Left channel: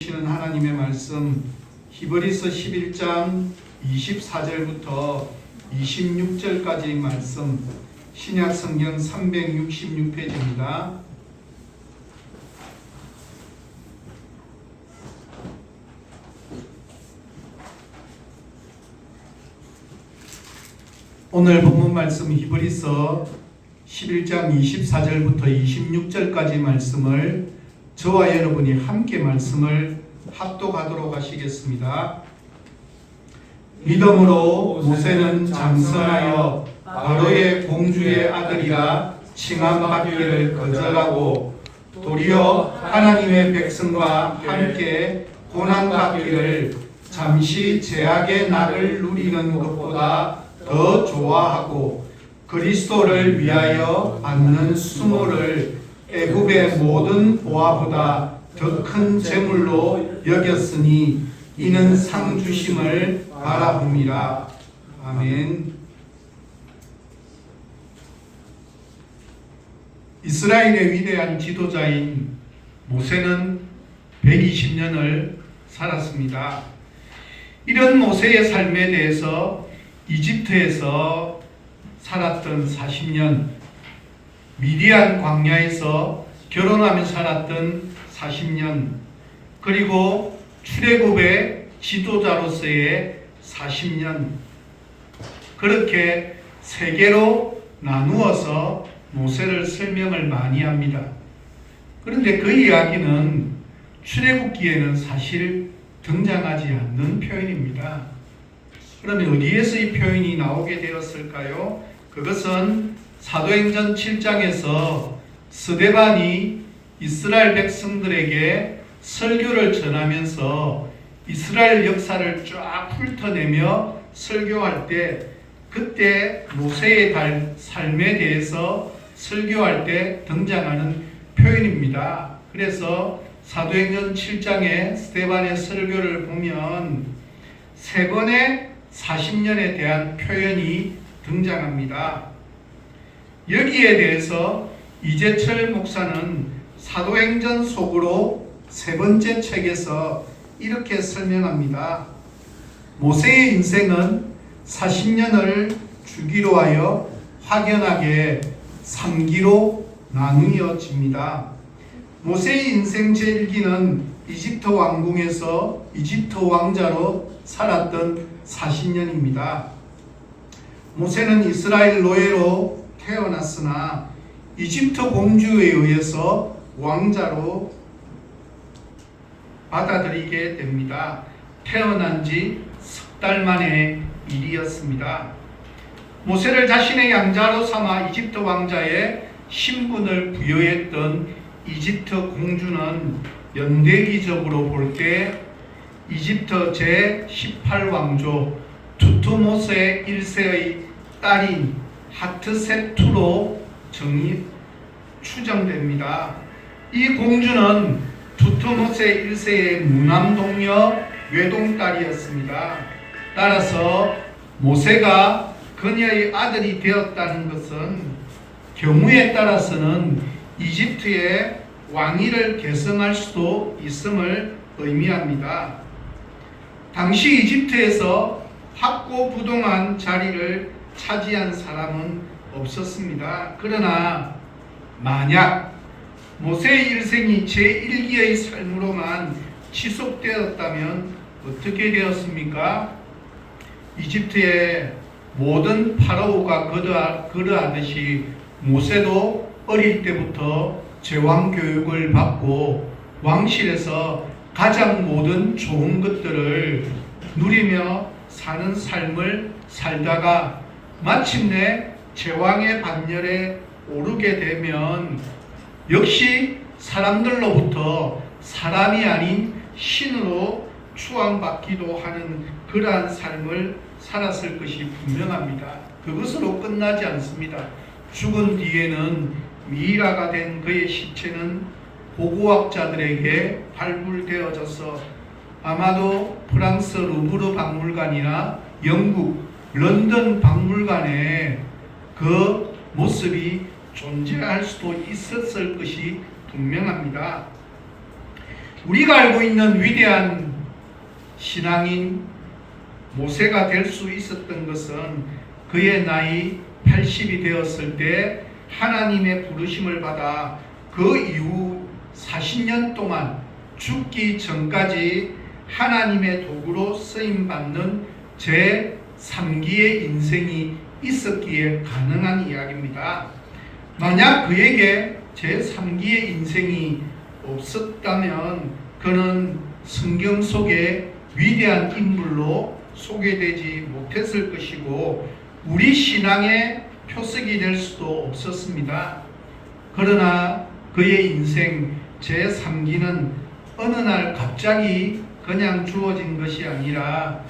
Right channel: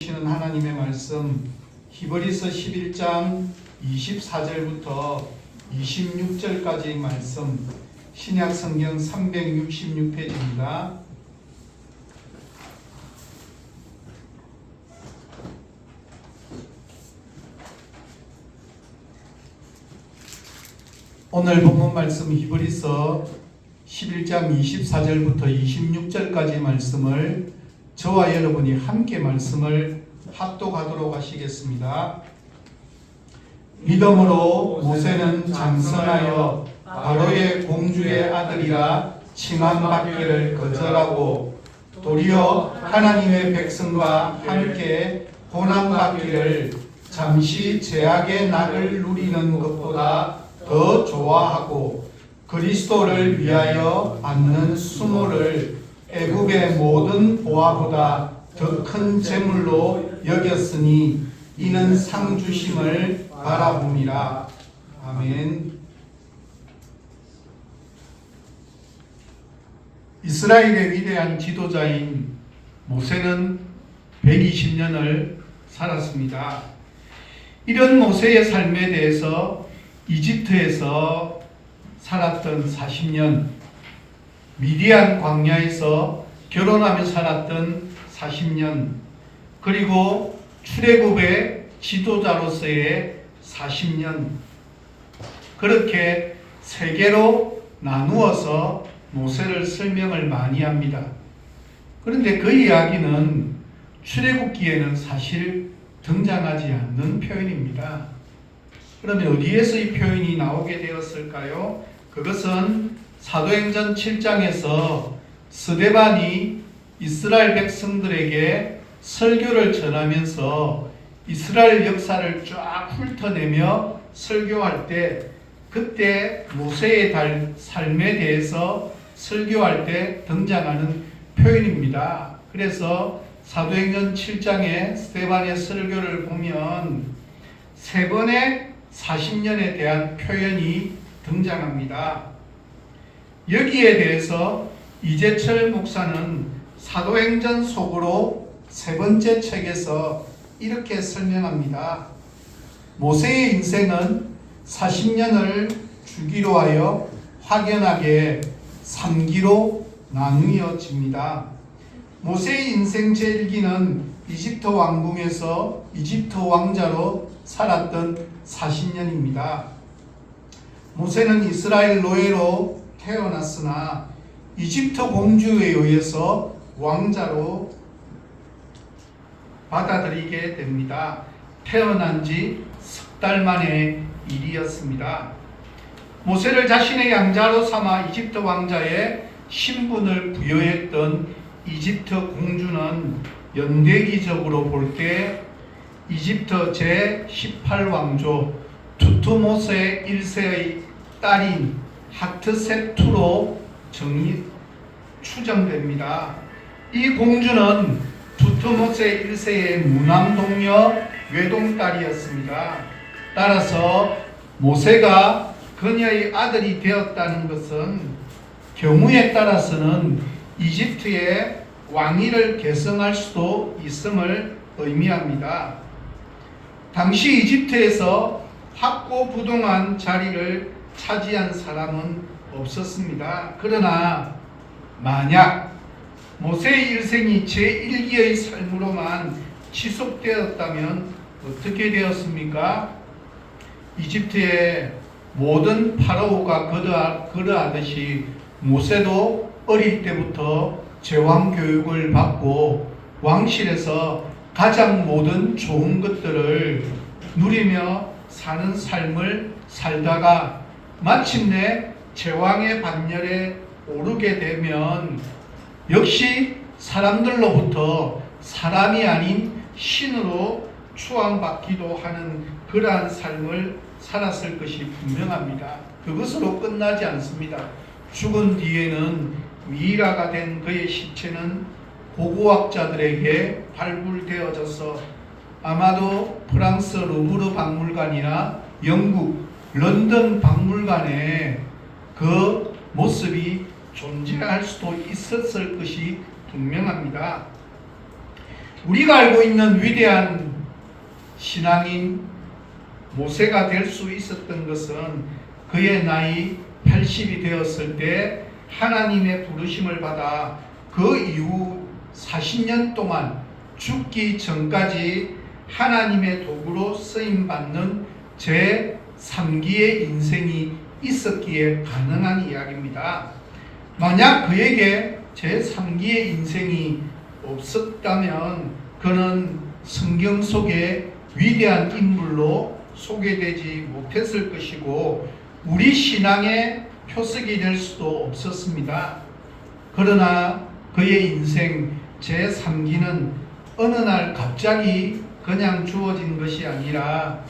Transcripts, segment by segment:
주시는 하나님의 말씀 히브리서 11장 24절부터 26절까지의 말씀 신약 성경 366페이지입니다. 오늘 본문 말씀 히브리서 11장 24절부터 26절까지 말씀을 저와 여러분이 함께 말씀을 합독하도록 하시겠습니다. 믿음으로 모세는 장성하여 바로의 공주의 아들이라 칭함받기를 거절하고 도리어 하나님의 백성과 함께 고난받기를 잠시 죄악의 낙을 누리는 것보다 더 좋아하고 그리스도를 위하여 받는 수모를 애굽의 모든 보화보다 더 큰 재물로 여겼으니 이는 상 주심을 바라봅니다. 아멘. 이스라엘의 위대한 지도자인 모세는 120년을 살았습니다. 이런 모세의 삶에 대해서 이집트에서 살았던 40년, 미디안 광야에서 결혼하며 살았던 40년, 그리고 출애굽의 지도자로서의 40년, 그렇게 세 개로 나누어서 모세를 설명을 많이 합니다. 그런데 그 이야기는 출애굽기에는 사실 등장하지 않는 표현입니다. 그러면 어디에서 이 표현이 나오게 되었을까요? 그것은 사도행전 7장에서 스데반이 이스라엘 백성들에게 설교를 전하면서 이스라엘 역사를 쫙 훑어내며 설교할 때, 그때 모세의 삶에 대해서 설교할 때 등장하는 표현입니다. 그래서 사도행전 7장의 스데반의 설교를 보면 세 번의 40년에 대한 표현이 등장합니다. 여기에 대해서 이재철 목사는 사도행전 속으로 세 번째 책에서 이렇게 설명합니다. 모세의 인생은 40년을 주기로 하여 확연하게 3기로 나누어집니다. 모세의 인생 제1기는 이집트 왕궁에서 이집트 왕자로 살았던 40년입니다. 모세는 이스라엘 노예로 태어났으나 이집트 공주에 의해서 왕자로 받아들이게 됩니다. 태어난 지 석 달 만의 일이었습니다. 모세를 자신의 양자로 삼아 이집트 왕자의 신분을 부여했던 이집트 공주는 연대기적으로 볼 때 이집트 제18왕조 투트모세 1세의 딸인 하트셉투로 추정됩니다. 이 공주는 투트모세 1세의 무남동녀 외동딸이었습니다. 따라서 모세가 그녀의 아들이 되었다는 것은 경우에 따라서는 이집트의 왕위를 계승할 수도 있음을 의미합니다. 당시 이집트에서 확고부동한 자리를 차지한 사람은 없었습니다. 그러나 만약 모세의 일생이 제1기의 삶으로만 지속되었다면 어떻게 되었습니까? 이집트의 모든 파라오가 그러하듯이 모세도 어릴 때부터 제왕 교육을 받고 왕실에서 가장 모든 좋은 것들을 누리며 사는 삶을 살다가 마침내 제왕의 반열에 오르게 되면 역시 사람들로부터 사람이 아닌 신으로 추앙받기도 하는 그러한 삶을 살았을 것이 분명합니다. 그것으로 끝나지 않습니다. 죽은 뒤에는 미이라가 된 그의 시체는 보고학자들에게 발굴되어져서 아마도 프랑스 루브르 박물관이나 영국 런던 박물관에 그 모습이 존재할 수도 있었을 것이 분명합니다. 우리가 알고 있는 위대한 신앙인 모세가 될 수 있었던 것은 그의 나이 80이 되었을 때 하나님의 부르심을 받아 그 이후 40년 동안 죽기 전까지 하나님의 도구로 쓰임받는 제3기의 인생이 있었기에 가능한 이야기입니다. 만약 그에게 제3기의 인생이 없었다면 그는 성경 속에 위대한 인물로 소개되지 못했을 것이고 우리 신앙의 표석이 될 수도 없었습니다. 그러나 그의 인생 제3기는 어느 날 갑자기 그냥 주어진 것이 아니라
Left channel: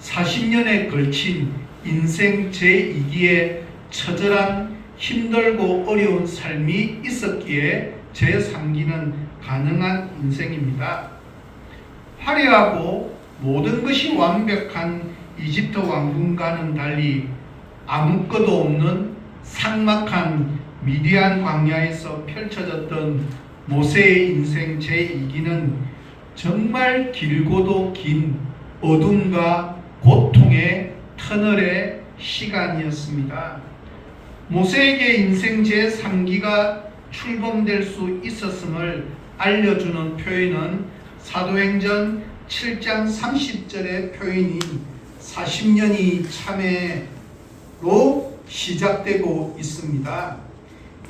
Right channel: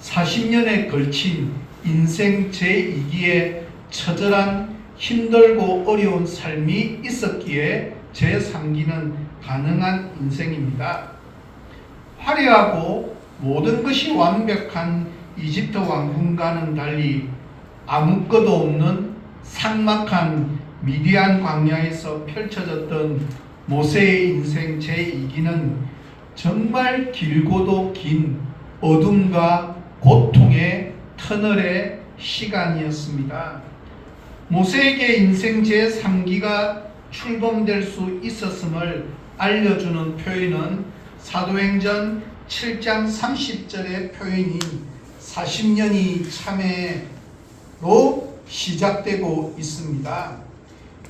40년에 걸친 인생 제2기에 처절한 힘들고 어려운 삶이 있었기에 제3기는 가능한 인생입니다. 화려하고 모든 것이 완벽한 이집트 왕궁과는 달리 아무것도 없는 삭막한 미디안 광야에서 펼쳐졌던 모세의 인생 제2기는 정말 길고도 긴 어둠과 고통의 터널의 시간이었습니다. 모세에게 인생 제3기가 출범될 수 있었음을 알려주는 표현은 사도행전 7장 30절의 표현인 40년이 참회로 시작되고 있습니다.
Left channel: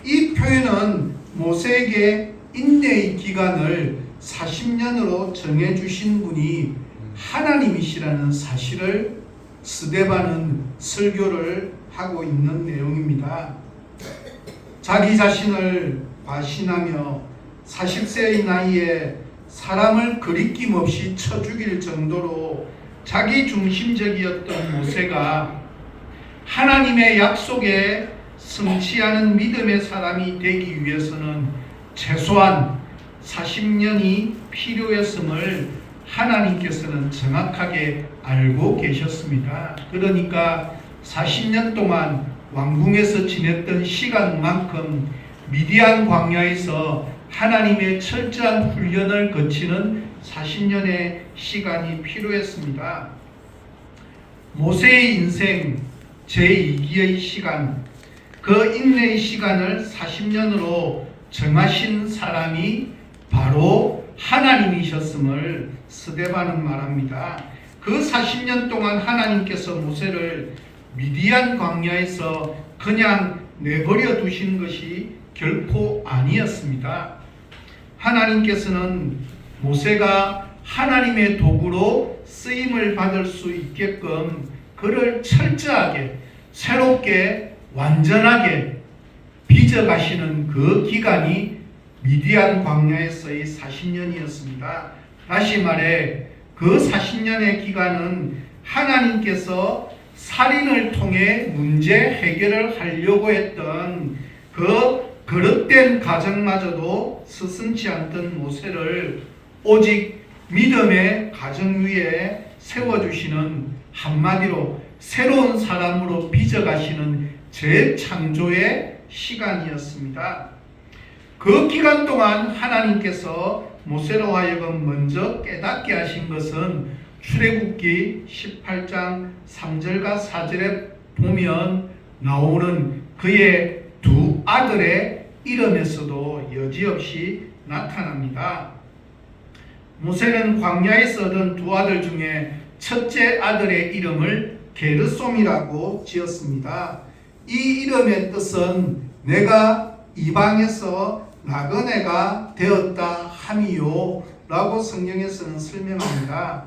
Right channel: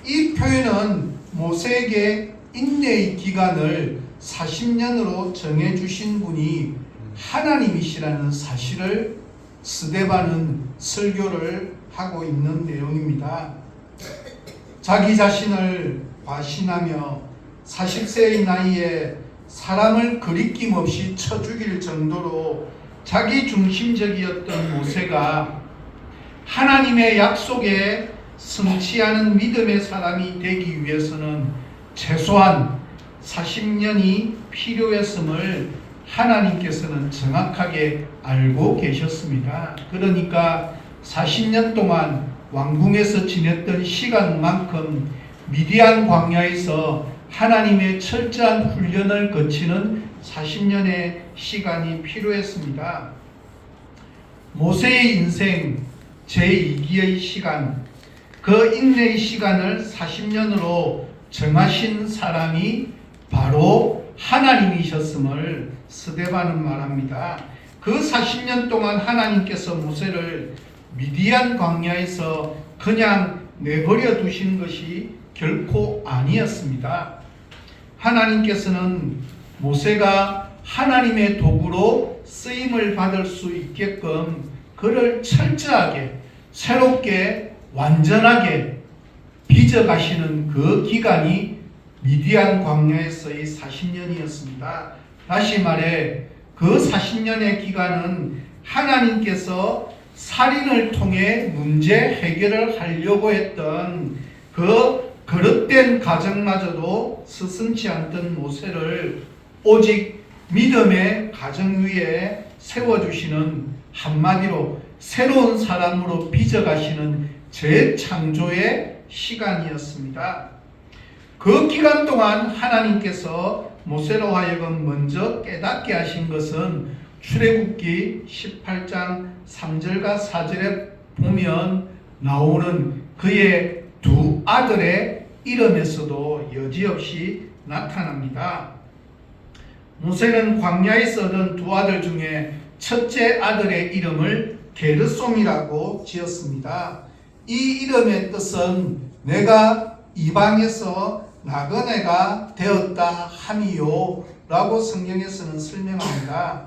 이 표현은 모세에게 인내의 기간을 40년으로 정해주신 분이 하나님이시라는 사실을 스데반은 설교를 하고 있는 내용입니다. 자기 자신을 과신하며 40세의 나이에 사람을 거리낌 없이 쳐 죽일 정도로 자기 중심적이었던 모세가 하나님의 약속에 성취하는 믿음의 사람이 되기 위해서는 최소한 40년이 필요했음을 하나님께서는 정확하게 알고 계셨습니다. 그러니까 40년 동안 왕궁에서 지냈던 시간만큼 미디안 광야에서 하나님의 철저한 훈련을 거치는 40년의 시간이 필요했습니다. 모세의 인생 제2기의 시간, 그 인내의 시간을 40년으로 정하신 사람이 바로 하나님이셨음을 스데반은 말합니다. 그 40년 동안 하나님께서 모세를 미디안 광야에서 그냥 내버려 두신 것이 결코 아니었습니다. 하나님께서는 모세가 하나님의 도구로 쓰임을 받을 수 있게끔 그를 철저하게 새롭게 완전하게 빚어가시는 그 기간이 미디안 광야에서의 40년이었습니다. 다시 말해 그 40년의 기간은 하나님께서 살인을 통해 문제 해결을 하려고 했던 그 그릇된 가정마저도 스승치 않던 모세를 오직 믿음의 가정 위에 세워주시는, 한마디로 새로운 사람으로 빚어가시는 재창조의 시간이었습니다. 그 기간 동안 하나님께서 모세로 하여금 먼저 깨닫게 하신 것은 출애굽기 18장 3절과 4절에 보면 나오는 그의 두 아들의 이름에서도 여지없이 나타납니다. 모세는 광야에서 얻은 두 아들 중에 첫째 아들의 이름을 게르솜이라고 지었습니다. 이 이름의 뜻은 내가 이방에서 나그네가 되었다 함이요 라고 성경에서는 설명합니다.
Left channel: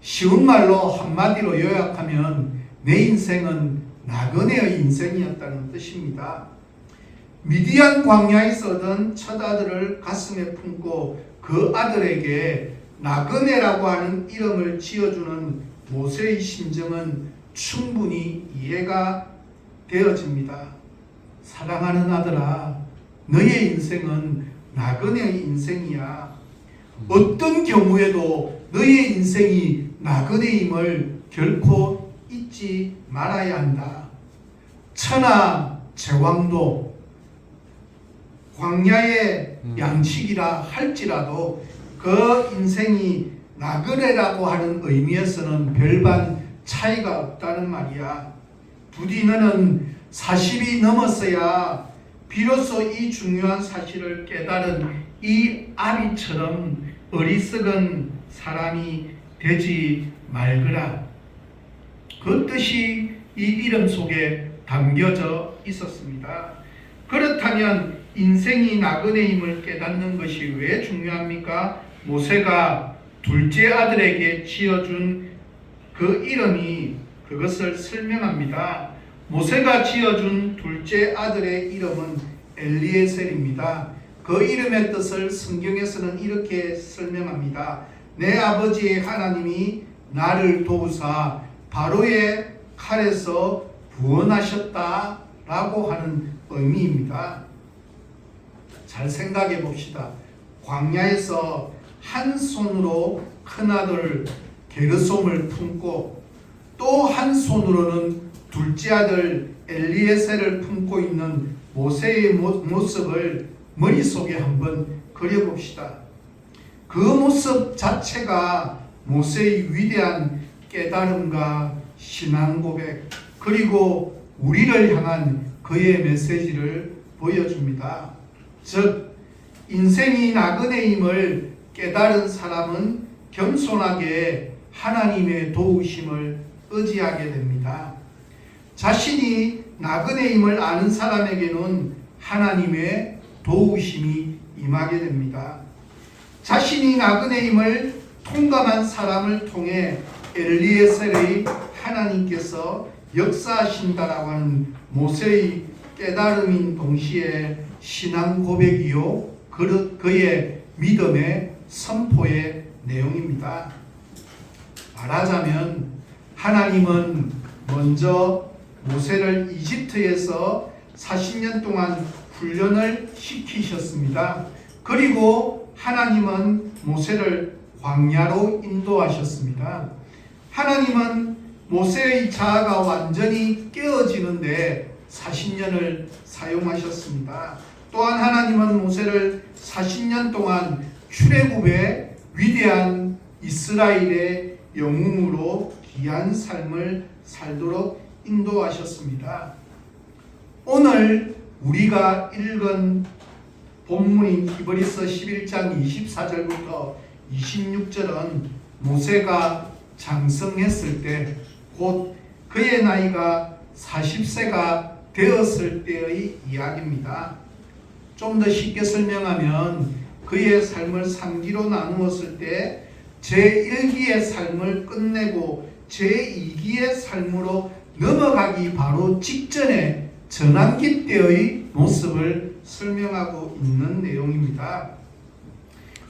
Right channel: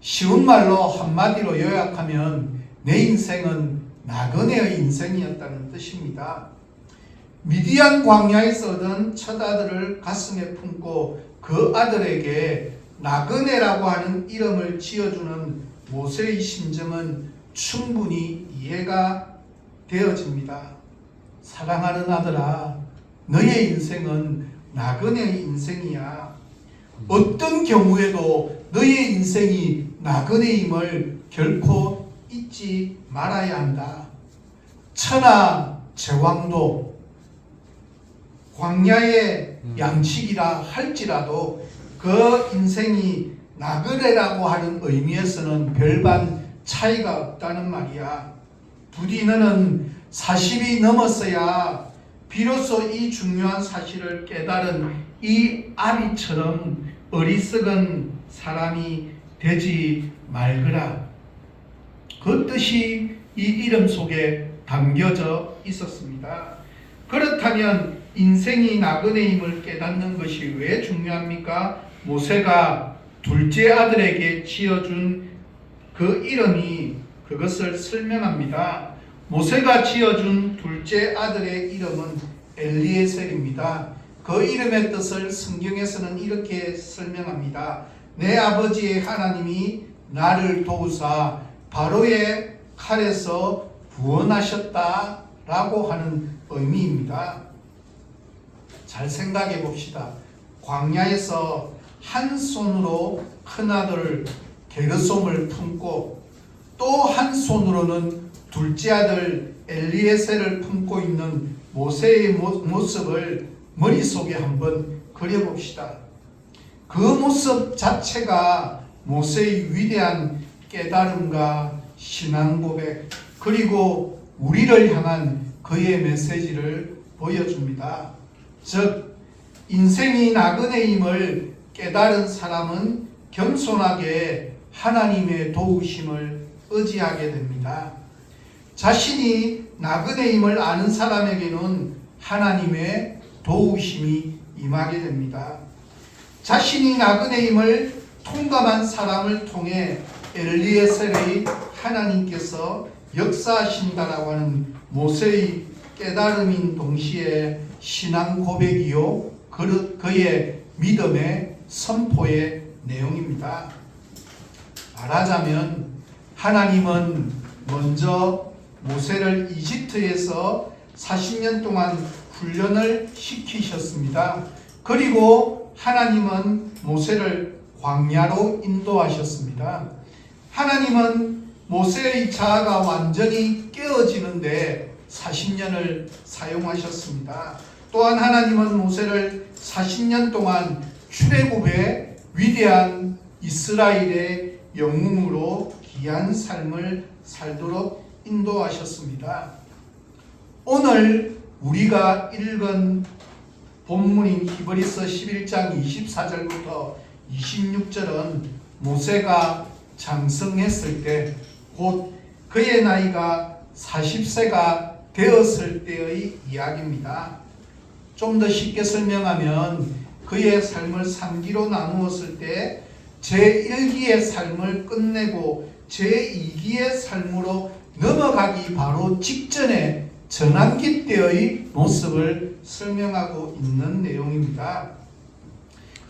쉬운 말로 한마디로 요약하면 내 인생은 나그네의 인생이었다는 뜻입니다. 미디안 광야에서 얻은 첫 아들을 가슴에 품고 그 아들에게 나그네라고 하는 이름을 지어주는 모세의 심정은 충분히 이해가 되어집니다. 사랑하는 아들아, 너의 인생은 나그네의 인생이야. 어떤 경우에도 너의 인생이 나그네임을 결코 잊지 말아야 한다. 천하 제왕도 광야의 양식이라 할지라도 그 인생이 나그네라고 하는 의미에서는 별반 차이가 없다는 말이야. 부디 너는 40이 넘었어야 비로소 이 중요한 사실을 깨달은 이 아비처럼 어리석은 사람이 되지 말거라. 그 뜻이 이 이름 속에 담겨져 있었습니다. 그렇다면 인생이 나그네임을 깨닫는 것이 왜 중요합니까? 모세가 둘째 아들에게 지어준 그 이름이 그것을 설명합니다. 모세가 지어준 둘째 아들의 이름은 엘리에셀입니다. 그 이름의 뜻을 성경에서는 이렇게 설명합니다. 내 아버지의 하나님이 나를 도우사 바로의 칼에서 구원하셨다라고 하는 의미입니다. 잘 생각해 봅시다. 광야에서 한 손으로 큰아들 게르솜을 품고 또 한 손으로는 둘째 아들 엘리에셀을 품고 있는 모세의 모습을 머릿속에 한번 그려봅시다. 그 모습 자체가 모세의 위대한 깨달음과 신앙 고백 그리고 우리를 향한 그의 메시지를 보여줍니다. 즉 인생이 나그네임을 깨달은 사람은 겸손하게 하나님의 도우심을 의지하게 됩니다. 자신이 나그네임을 아는 사람에게는 하나님의 도우심이 임하게 됩니다. 자신이 나그네임을 통감한 사람을 통해 엘리에셀의 하나님께서 역사하신다라고 하는 모세의 깨달음인 동시에 신앙 고백이요 그의 믿음의 선포의 내용입니다. 말하자면 하나님은 먼저 모세를 이집트에서 40년 동안 훈련을 시키셨습니다. 그리고 하나님은 모세를 광야로 인도하셨습니다. 하나님은 모세의 자아가 완전히 깨어지는데 40년을 사용하셨습니다. 또한 하나님은 모세를 40년 동안 출애굽의 위대한 이스라엘의 영웅으로 귀한 삶을 살도록 인도하셨습니다. 오늘 우리가 읽은 본문인 히브리서 11장 24절부터 26절은 모세가 장성했을 때 곧 그의 나이가 40세가 되었을 때의 이야기입니다. 좀 더 쉽게 설명하면 그의 삶을 3기로 나누었을 때 제1기의 삶을 끝내고 제2기의 삶으로 넘어가기 바로 직전에 전환기 때의 모습을 설명하고 있는 내용입니다.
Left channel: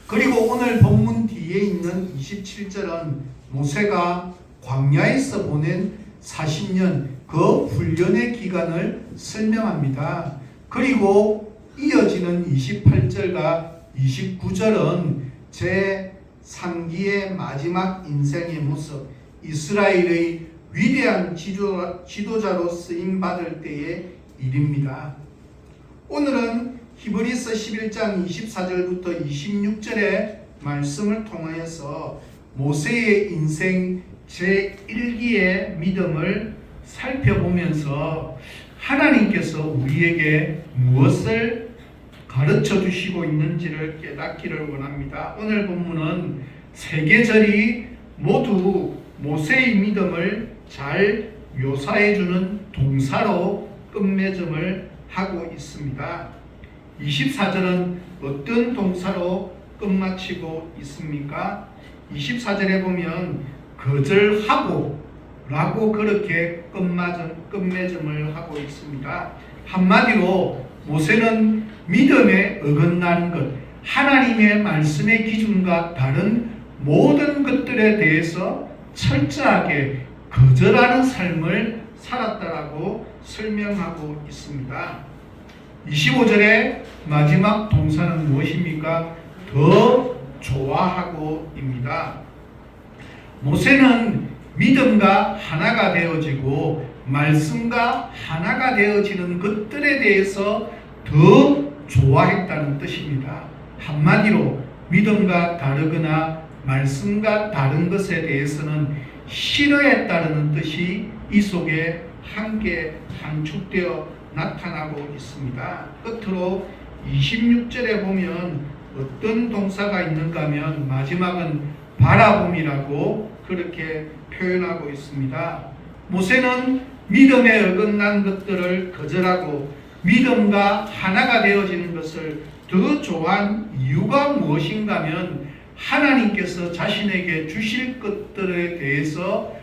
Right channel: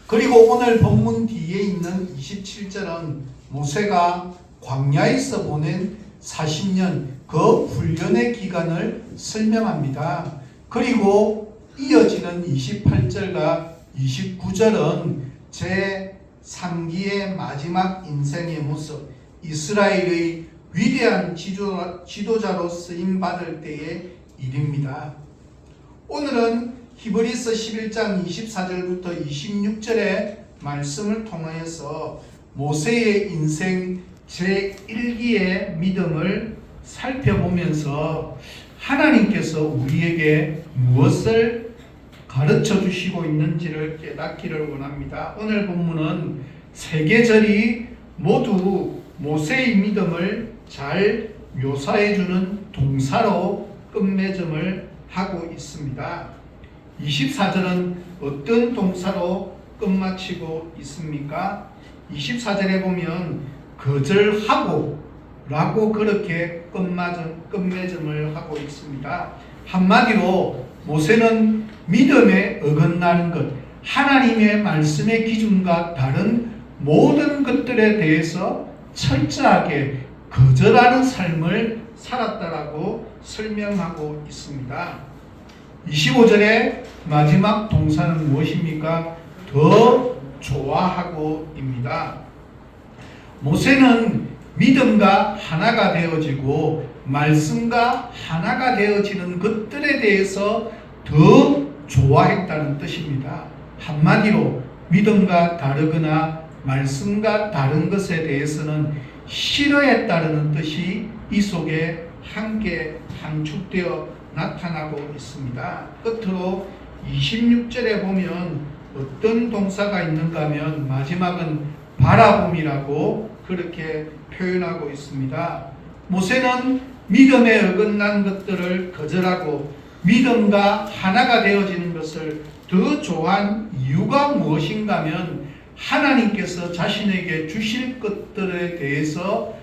그리고 오늘 본문 뒤에 있는 27절은 모세가 광야에서 보낸 40년 그 훈련의 기간을 설명합니다. 그리고 이어지는 28절과 29절은 제3기의 마지막 인생의 모습, 이스라엘의 위대한 지도자로 쓰임받을 때의 일입니다. 오늘은 히브리서 11장 24절부터 26절의 말씀을 통하여서 모세의 인생 제1기의 믿음을 살펴보면서 하나님께서 우리에게 무엇을 가르쳐 주시고 있는지를 깨닫기를 원합니다. 오늘 본문은 세 계절이 모두 모세의 믿음을 잘 묘사해 주는 동사로 끝맺음을 하고 있습니다. 24절은 어떤 동사로 끝마치고 있습니까? 24절에 보면 거절하고 라고 그렇게 끝맺음을 하고 있습니다. 한마디로 모세는 믿음에 어긋나는 것, 하나님의 말씀의 기준과 다른 모든 것들에 대해서 철저하게 거절하는 삶을 살았다라고 설명하고 있습니다. 25절의 마지막 동사는 무엇입니까? 더 좋아하고입니다. 모세는 믿음과 하나가 되어지고 말씀과 하나가 되어지는 것들에 대해서 더 좋아했다는 뜻입니다. 한마디로 믿음과 다르거나 말씀과 다른 것에 대해서는 싫어했다는 뜻이 이 속에 함께 함축되어 나타나고 있습니다. 끝으로 26절에 보면 어떤 동사가 있는가 하면 마지막은 바라봄이라고 그렇게 표현하고 있습니다. 모세는 믿음에 어긋난 것들을 거절하고 믿음과 하나가 되어지는 것을 더 좋아한 이유가 무엇인가 하면 하나님께서 자신에게 주실 것들에 대해서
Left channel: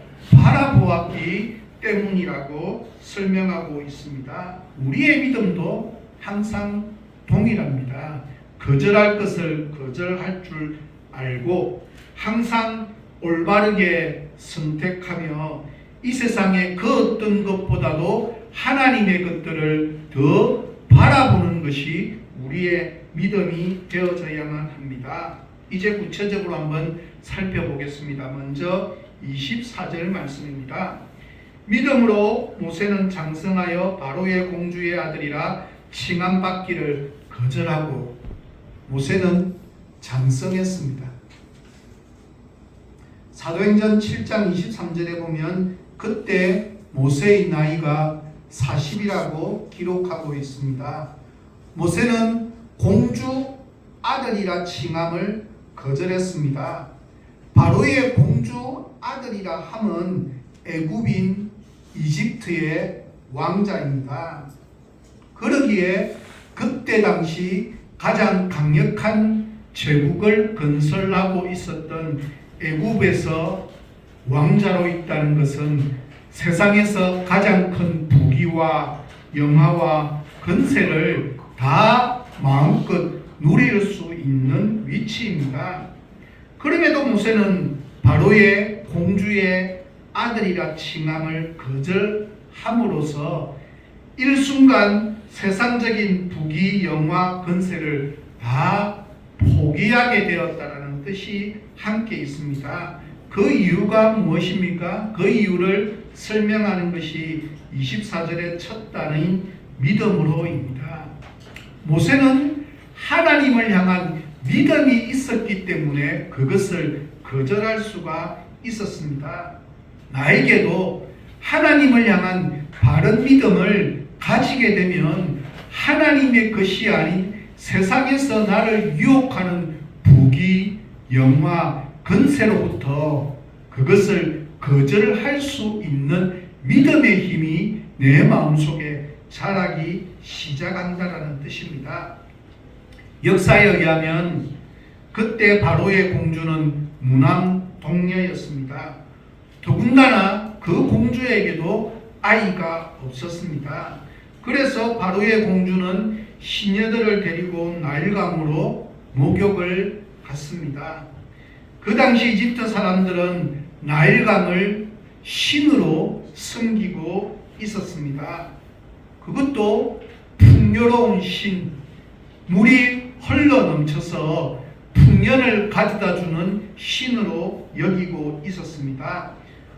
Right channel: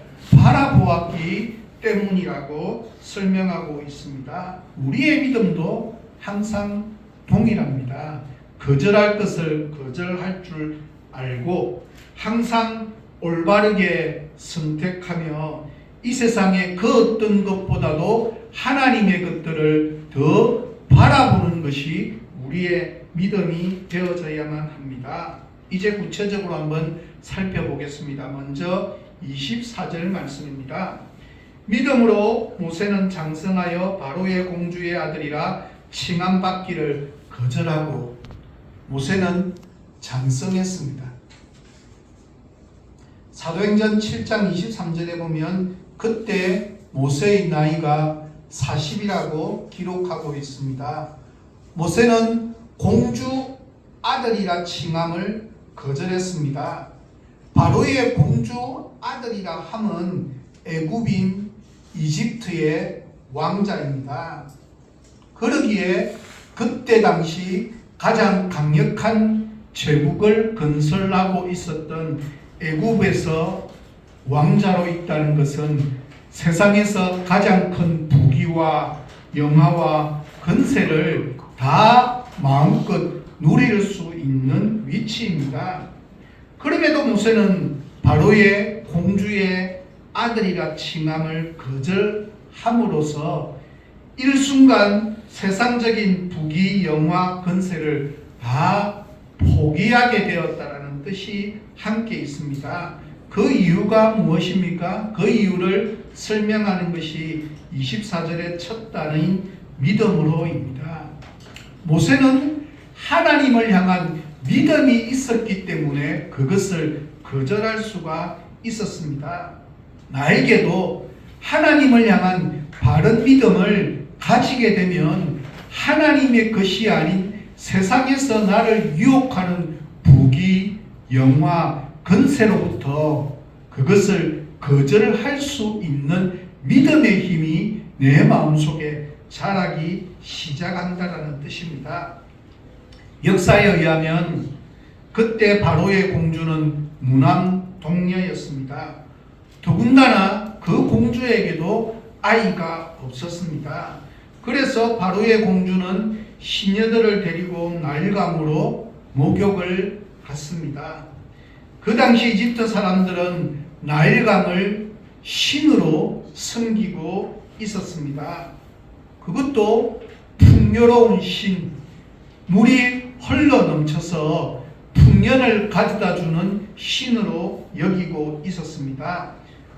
바라보았기 때문이라고 설명하고 있습니다. 우리의 믿음도 항상 동일합니다. 거절할 것을 거절할 줄 알고 항상 올바르게 선택하며 이 세상의 그 어떤 것보다도 하나님의 것들을 더 바라보는 것이 우리의 믿음이 되어져야만 합니다. 이제 구체적으로 한번 살펴보겠습니다. 먼저 24절 말씀입니다. 믿음으로 모세는 장성하여 바로의 공주의 아들이라 칭함받기를 거절하고 모세는 장성했습니다. 사도행전 7장 23절에 보면 그때 모세의 나이가 40이라고 기록하고 있습니다. 모세는 공주 아들이라 칭함을 거절했습니다. 바로의 공주 아들이라 함은 애굽인 이집트의 왕자입니다. 그러기에 그때 당시 가장 강력한 제국을 건설하고 있었던 애굽에서 왕자로 있다는 것은 세상에서 가장 큰 부귀와 영화와 권세를 다 마음껏 누릴 수 있는 위치입니다. 그럼에도 모세는 바로의 공주의 아들이라 칭함을 거절함으로써 일순간 세상적인 부귀, 영화, 권세를 다 포기하게 되었다는 뜻이 함께 있습니다. 그 이유가 무엇입니까? 그 이유를 설명하는 것이 24절의 첫 단어인 믿음으로입니다. 모세는 하나님을 향한 믿음이 있었기 때문에 그것을 거절할 수가 있었습니다. 나에게도 하나님을 향한 바른 믿음을 가지게 되면 하나님의 것이 아닌 세상에서 나를 유혹하는 부귀, 영화, 권세로부터 그것을 거절할 수 있는 믿음의 힘이 내 마음속에 자라기 시작한다는 뜻입니다. 역사에 의하면 그때 바로의 공주는 무남동녀였습니다. 더군다나 그 공주에게도 아이가 없었습니다. 그래서 바로의 공주는 시녀들을 데리고 나일강으로 목욕을 갔습니다. 그 당시 이집트 사람들은 나일강을 신으로 섬기고 있었습니다. 그것도 풍요로운 신, 물이 흘러 넘쳐서 풍년을 가져다 주는 신으로 여기고 있었습니다.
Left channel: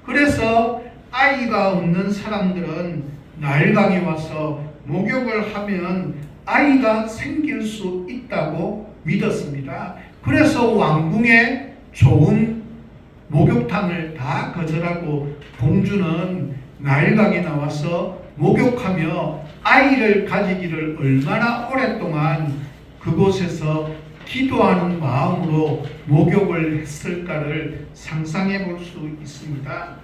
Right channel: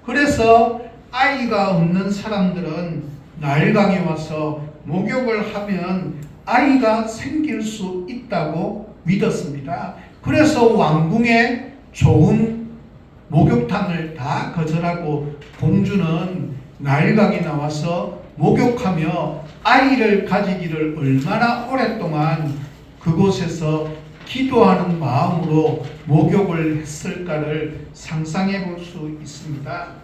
그래서 아이가 없는 사람들은 나일강에 와서 목욕을 하면 아이가 생길 수 있다고 믿었습니다. 그래서 왕궁에 좋은 목욕탕을 다 거절하고 공주는 나일강에 나와서 목욕하며 아이를 가지기를 얼마나 오랫동안 그곳에서 기도하는 마음으로 목욕을 했을까를 상상해 볼 수 있습니다.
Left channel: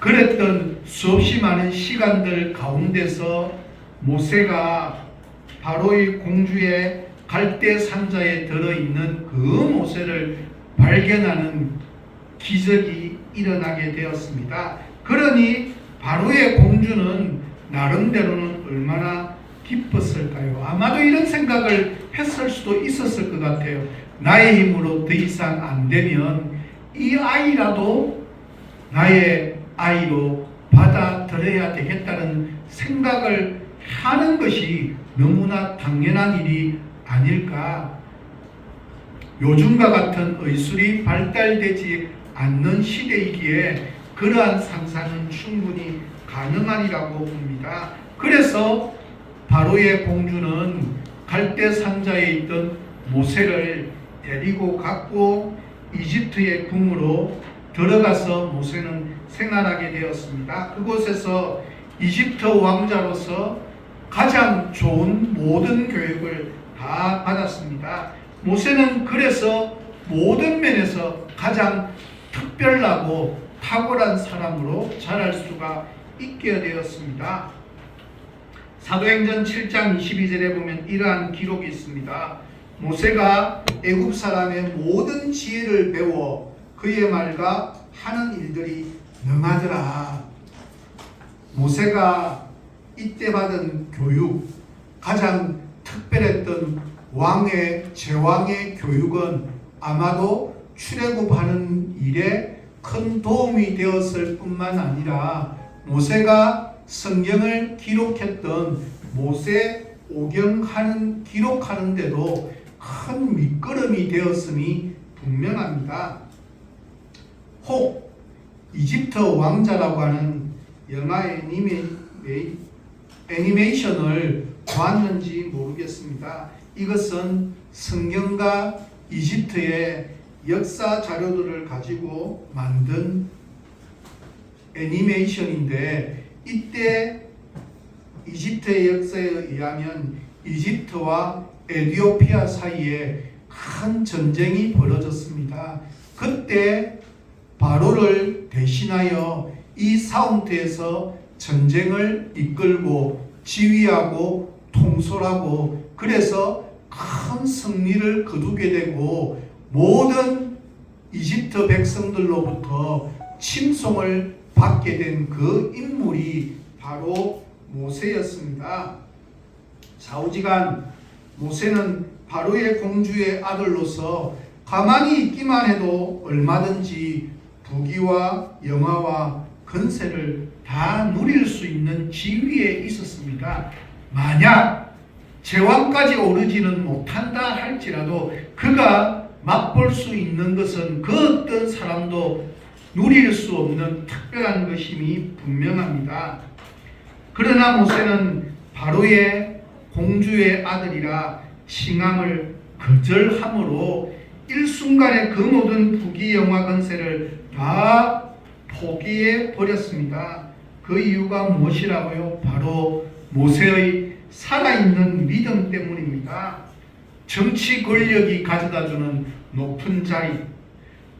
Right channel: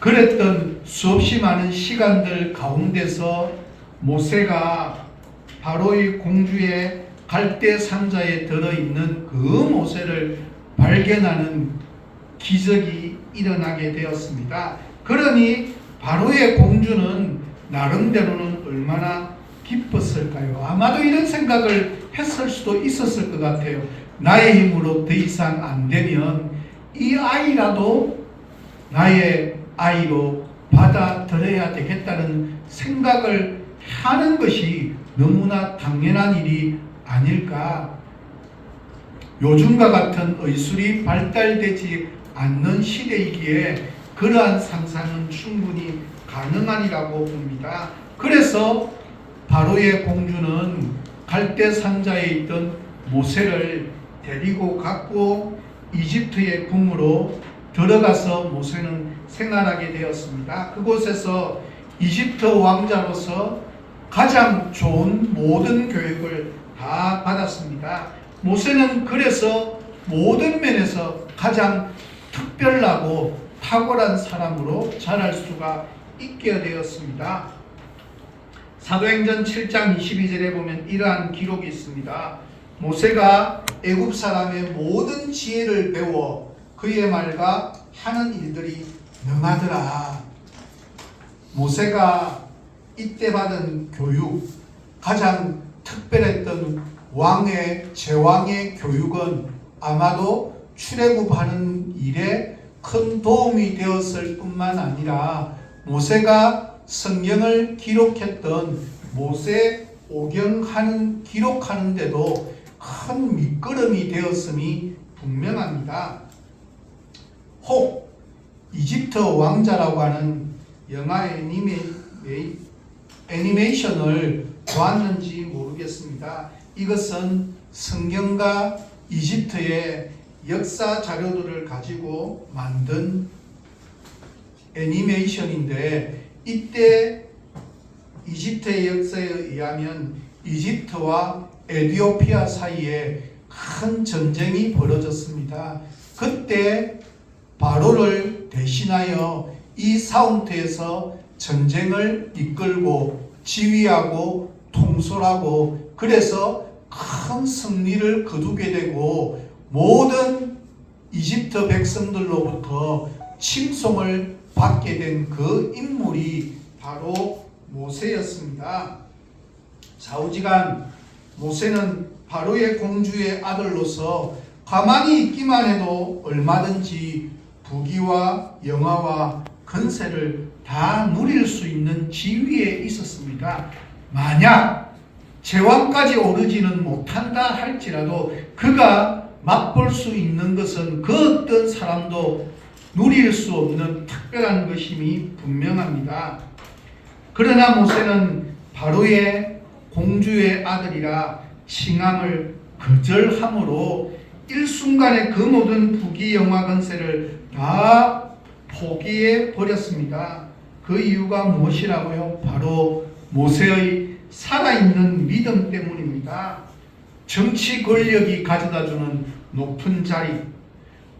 그랬던 수없이 많은 시간들 가운데서 모세가 바로의 공주의 갈대 상자에 들어있는 그 모세를 발견하는 기적이 일어나게 되었습니다. 그러니 바로의 공주는 나름대로는 얼마나 기뻤을까요? 아마도 이런 생각을 했을 수도 있었을 것 같아요. 나의 힘으로 더 이상 안 되면 이 아이라도 나의 아이로 받아들여야 되겠다는 생각을 하는 것이 너무나 당연한 일이 아닐까. 요즘과 같은 의술이 발달되지 않는 시대이기에 그러한 상상은 충분히 가능하리라고 봅니다. 그래서 바로의 공주는 갈대 상자에 있던 모세를 데리고 갔고 이집트의 궁으로 들어가서 모세는 생활하게 되었습니다. 그곳에서 이집트 왕자로서 가장 좋은 모든 교육을 다 받았습니다. 모세는 그래서 모든 면에서 가장 특별하고 탁월한 사람으로 자랄 수가 있게 되었습니다. 사도행전 7장 22절에 보면 이러한 기록이 있습니다. 모세가 애굽 사람의 모든 지혜를 배워 그의 말과 하는 일들이 능하더라. 모세가 이때 받은 교육, 가장 특별했던 제왕의 교육은 아마도 출애굽하는 일에 큰 도움이 되었을 뿐만 아니라 모세가 성경을 기록했던 모세 오경 기록하는 데도 큰 밑거름이 되었음이 분명합니다. 혹 이집트 왕자라고 하는 영화 애니메이션을 보았는지 모르겠습니다. 이것은 성경과 이집트의 역사 자료들을 가지고 만든 애니메이션인데, 이때 이집트의 역사에 의하면 이집트와 에티오피아 사이에 큰 전쟁이 벌어졌습니다. 그때 바로를 대신하여 이 사운트에서 전쟁을 이끌고 지휘하고 통솔하고, 그래서 큰 승리를 거두게 되고 모든 이집트 백성들로부터 칭송을 받게 된 그 인물이 바로 모세였습니다. 좌우지간 모세는 바로의 공주의 아들로서 가만히 있기만 해도 얼마든지 부귀와 영화와 권세를 다 누릴 수 있는 지위에 있었습니다. 만약 제왕까지 오르지는 못한다 할지라도 그가 맛볼 수 있는 것은 그 어떤 사람도 누릴 수 없는 특별한 것임이 분명합니다. 그러나 모세는 바로의 공주의 아들이라 칭함을 거절함으로 일순간에 그 모든 부귀 영화 권세를 다 포기해 버렸습니다. 그 이유가 무엇이라고요? 바로 모세의 살아있는 믿음 때문입니다. 정치 권력이 가져다주는 높은 자리,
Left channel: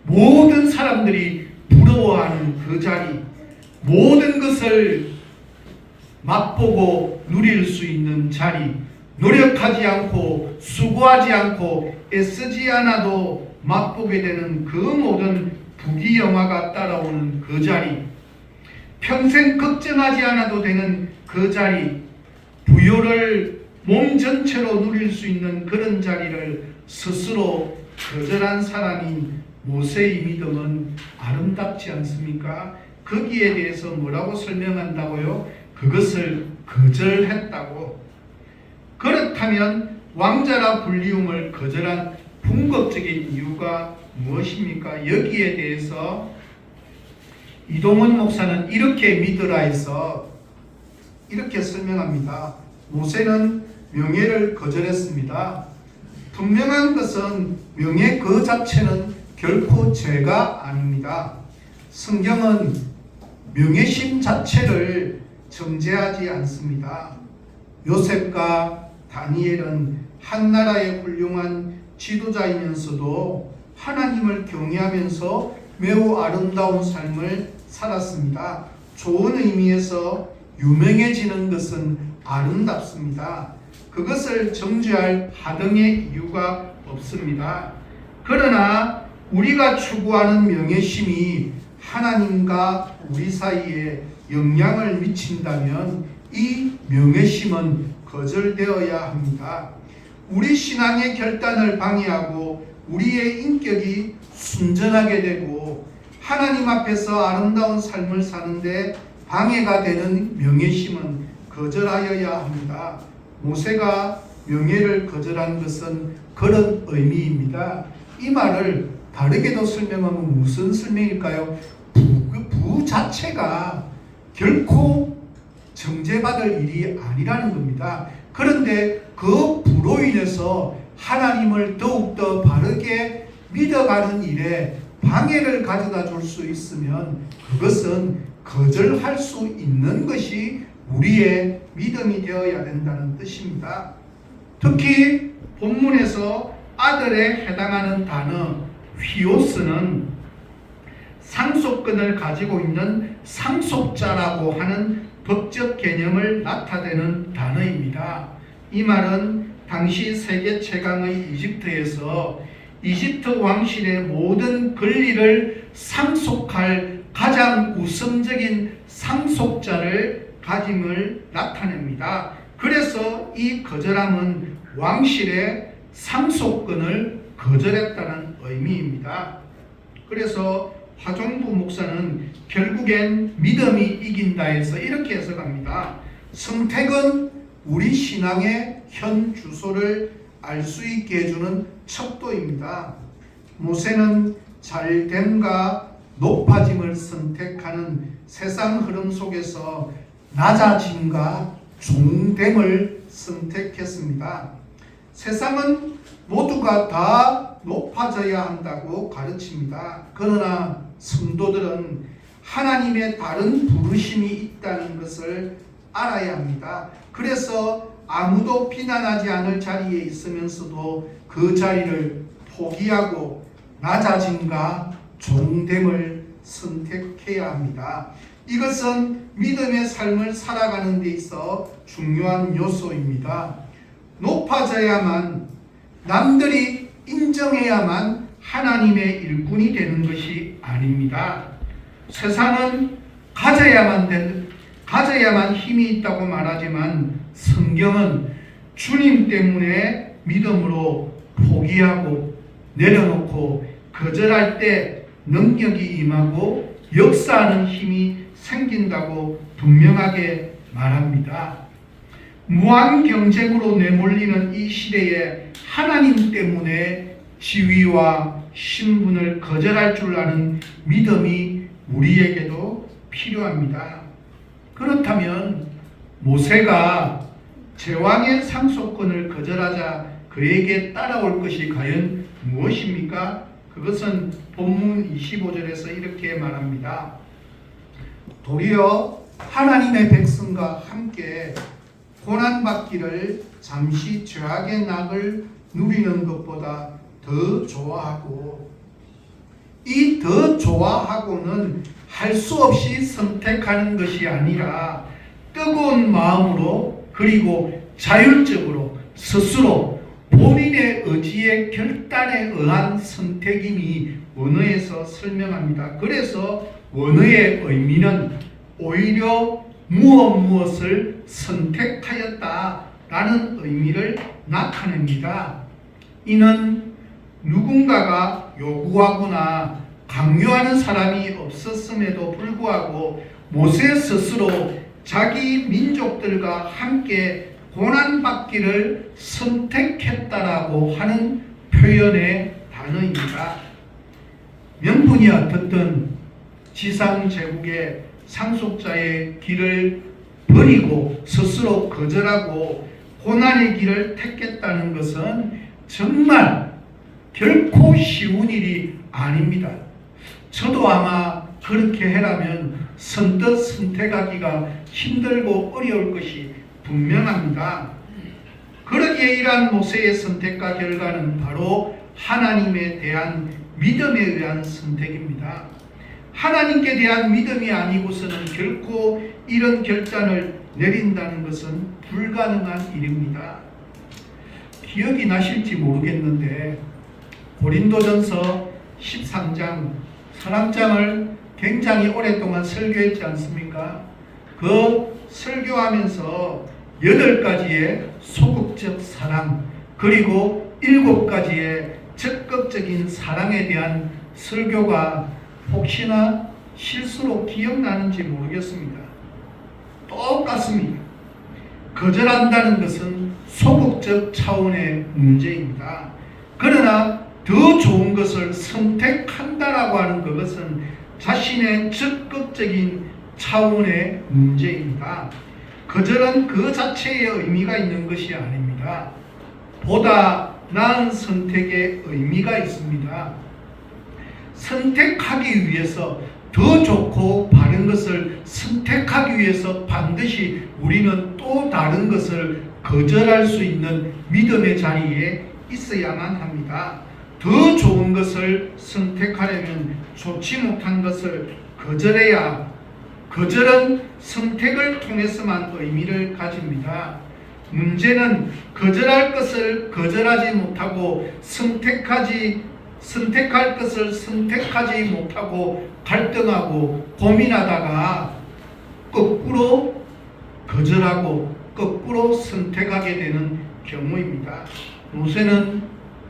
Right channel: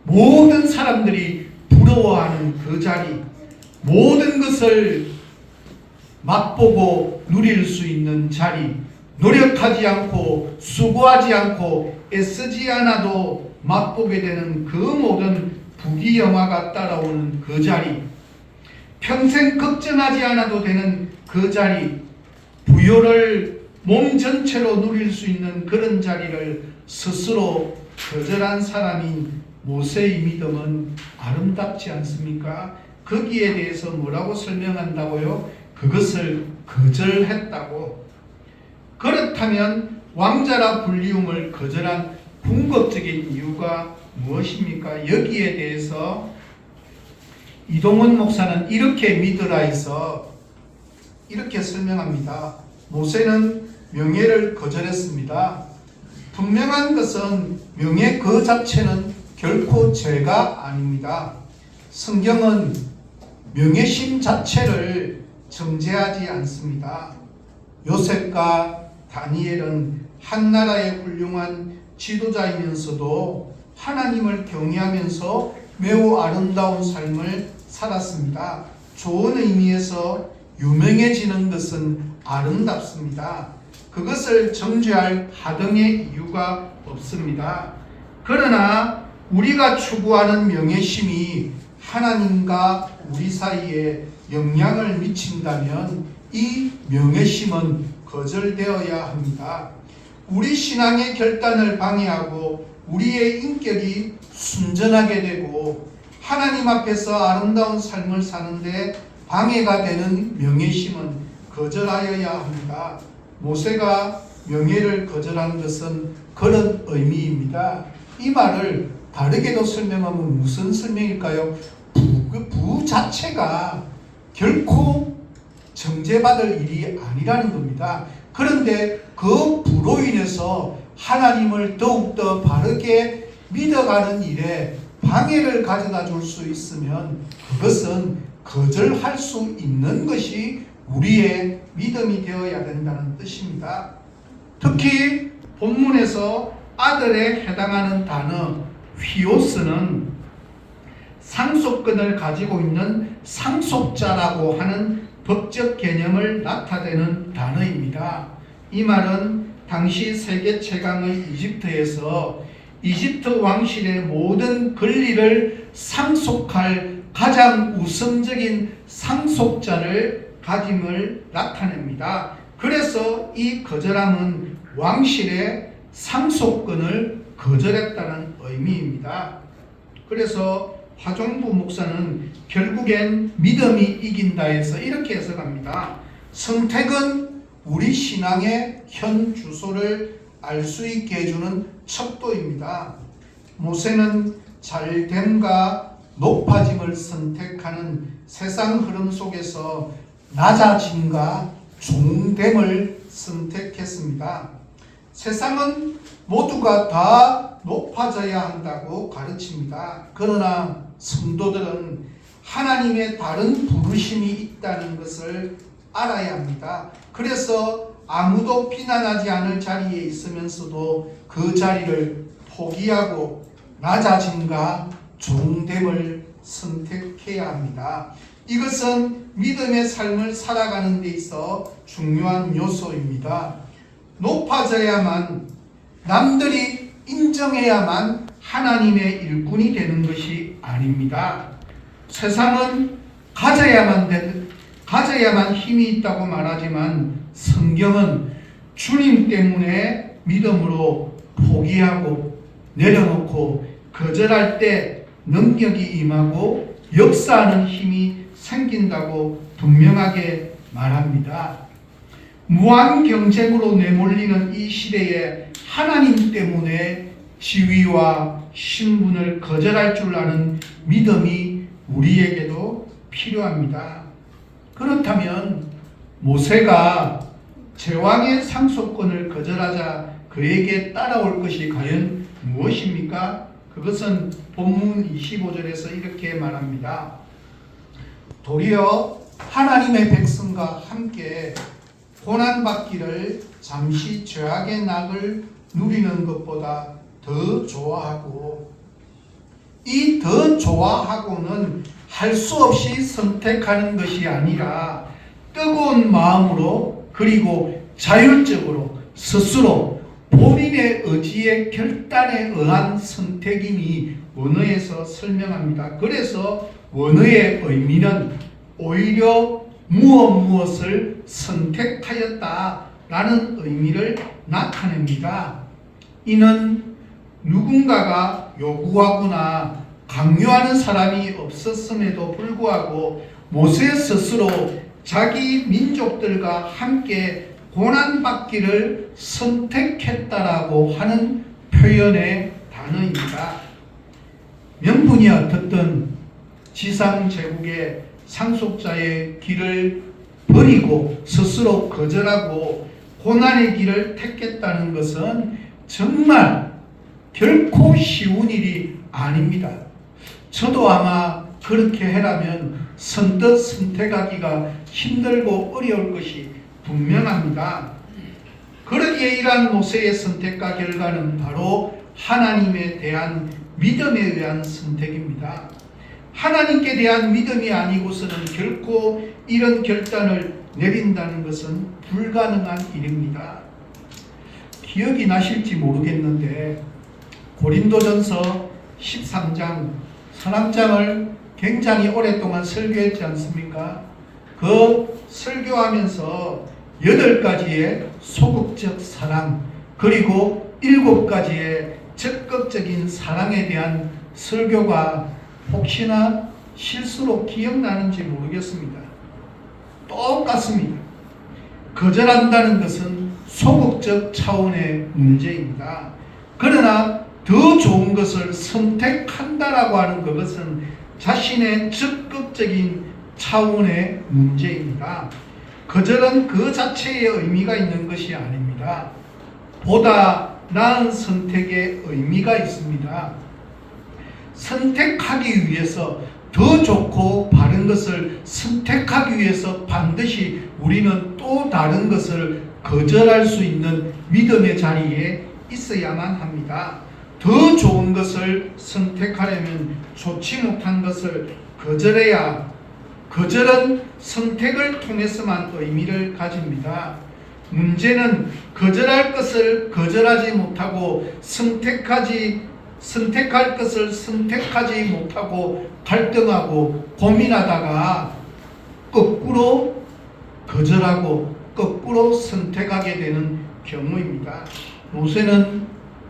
모든 사람들이 부러워하는 그 자리, 모든 것을 맛보고 누릴 수 있는 자리, 노력하지 않고 수고하지 않고 애쓰지 않아도 맛보게 되는 그 모든 부귀영화가 따라오는 그 자리, 평생 걱정하지 않아도 되는 그 자리, 부요를 몸 전체로 누릴 수 있는 그런 자리를 스스로 거절한 사람이 모세의 믿음은 아름답지 않습니까? 거기에 대해서 뭐라고 설명한다고요? 그것을 거절했다고. 그렇다면 왕자라 불리움을 거절한 궁극적인 이유가 무엇입니까? 여기에 대해서 이동훈 목사는 이렇게 믿으라 해서 이렇게 설명합니다. 모세는 명예를 거절했습니다. 분명한 것은 명예 그 자체는 결코 죄가 아닙니다. 성경은 명예심 자체를 정죄하지 않습니다. 요셉과 다니엘은 한 나라의 훌륭한 지도자이면서도 하나님을 경외하면서 매우 아름다운 삶을 살았습니다. 좋은 의미에서 유명해지는 것은 아름답습니다. 그것을 정죄할 하등의 이유가 없습니다. 그러나 우리가 추구하는 명예심이 하나님과 우리 사이에 영향을 미친다면 이 명예심은 거절되어야 합니다. 우리 신앙의 결단을 방해하고 우리의 인격이 순전하게 되고 하나님 앞에서 아름다운 삶을 사는데 방해가 되는 명예심은 거절하여야 합니다. 모세가 명예를 거절한 것은 그런 의미입니다. 이 말을 다르게도 설명하면 무슨 설명일까요? 부 자체가 결코 정죄받을 일이 아니라는 겁니다. 그런데 그 부로 인해서 하나님을 더욱더 바르게 믿어가는 일에 방해를 가져다 줄 수 있으면 그것은 거절할 수 있는 것이 우리의 믿음이 되어야 된다는 뜻입니다. 특히 본문에서 아들에 해당하는 단어 휘오스는 상속권을 가지고 있는 상속자라고 하는 법적 개념을 나타내는 단어입니다. 이 말은 당시 세계 최강의 이집트에서 이집트 왕실의 모든 권리를 상속할 가장 우선적인 상속자를 가짐을 나타냅니다. 그래서 이 거절함은 왕실의 상속권을 거절했다는 의미입니다. 그래서 화종부 목사는 결국엔 믿음이 이긴다 해서 이렇게 해석합니다. 선택은 우리 신앙의 현 주소를 알 수 있게 해주는 척도입니다. 모세는 잘됨과 높아짐을 선택하는 세상 흐름 속에서 낮아짐과 종됨을 선택했습니다. 세상은 모두가 다 높아져야 한다고 가르칩니다. 그러나 성도들은 하나님의 다른 부르심이 있다는 것을 알아야 합니다. 그래서 아무도 비난하지 않을 자리에 있으면서도 그 자리를 포기하고 낮아짐과 종됨을 선택해야 합니다. 이것은 믿음의 삶을 살아가는 데 있어 중요한 요소입니다. 높아져야만, 남들이 인정해야만 하나님의 일꾼이 되는 것이 아닙니다. 세상은 가져야만 힘이 있다고 말하지만 성경은 주님 때문에 믿음으로 포기하고 내려놓고 거절할 때 능력이 임하고 역사하는 힘이 생긴다고 분명하게 말합니다. 무한 경쟁으로 내몰리는 이 시대에 하나님 때문에 지위와 신분을 거절할 줄 아는 믿음이 우리에게도 필요합니다. 그렇다면 모세가 제왕의 상속권을 거절하자 그에게 따라올 것이 과연 무엇입니까? 그것은 본문 25절에서 이렇게 말합니다. 도리어 하나님의 백성과 함께 고난받기를 잠시 죄악의 낙을 누리는 것보다 더 좋아하고, 이 더 좋아하고는 할 수 없이 선택하는 것이 아니라 뜨거운 마음으로 그리고 자율적으로 스스로 본인의 의지의 결단에 의한 선택임이 원어에서 설명합니다. 그래서 원어의 의미는 오히려 무엇을 선택하였다라는 의미를 나타냅니다. 이는 누군가가 요구하거나 강요하는 사람이 없었음에도 불구하고 모세 스스로 자기 민족들과 함께 고난받기를 선택했다라고 하는 표현의 단어입니다. 명분이 어떻든 지상 제국의 상속자의 길을 버리고 스스로 거절하고 고난의 길을 택했다는 것은 정말 결코 쉬운 일이 아닙니다. 저도 아마 그렇게 해라면 선뜻 선택하기가 힘들고 어려울 것이 분명합니다. 그러기에 이러한 모세의 선택과 결과는 바로 하나님에 대한 믿음에 의한 선택입니다. 하나님께 대한 믿음이 아니고서는 결코 이런 결단을 내린다는 것은 불가능한 일입니다. 기억이 나실지 모르겠는데 고린도전서 13장 사랑장을 굉장히 오랫동안 설교했지 않습니까? 그 설교하면서 8가지의 소극적 사랑 그리고 7가지의 적극적인 사랑에 대한 설교가 혹시나 실수로 기억나는지 모르겠습니다. 똑같습니다. 거절한다는 것은 소극적 차원의 문제입니다. 그러나 더 좋은 것을 선택한다라고 하는 그것은 자신의 적극적인 차원의 문제입니다. 거절은 그 자체의 의미가 있는 것이 아닙니다. 보다 나은 선택의 의미가 있습니다. 선택하기 위해서 더 좋고 바른 것을 선택하기 위해서 반드시 우리는 또 다른 것을 거절할 수 있는 믿음의 자리에 있어야만 합니다. 더 좋은 것을 선택하려면 좋지 못한 것을 거절해야, 거절은 선택을 통해서만 의미를 가집니다. 문제는 거절할 것을 거절하지 못하고 선택할 것을 선택하지 못하고 갈등하고 고민하다가 거꾸로 거절하고 거꾸로 선택하게 되는 경우입니다. 모세는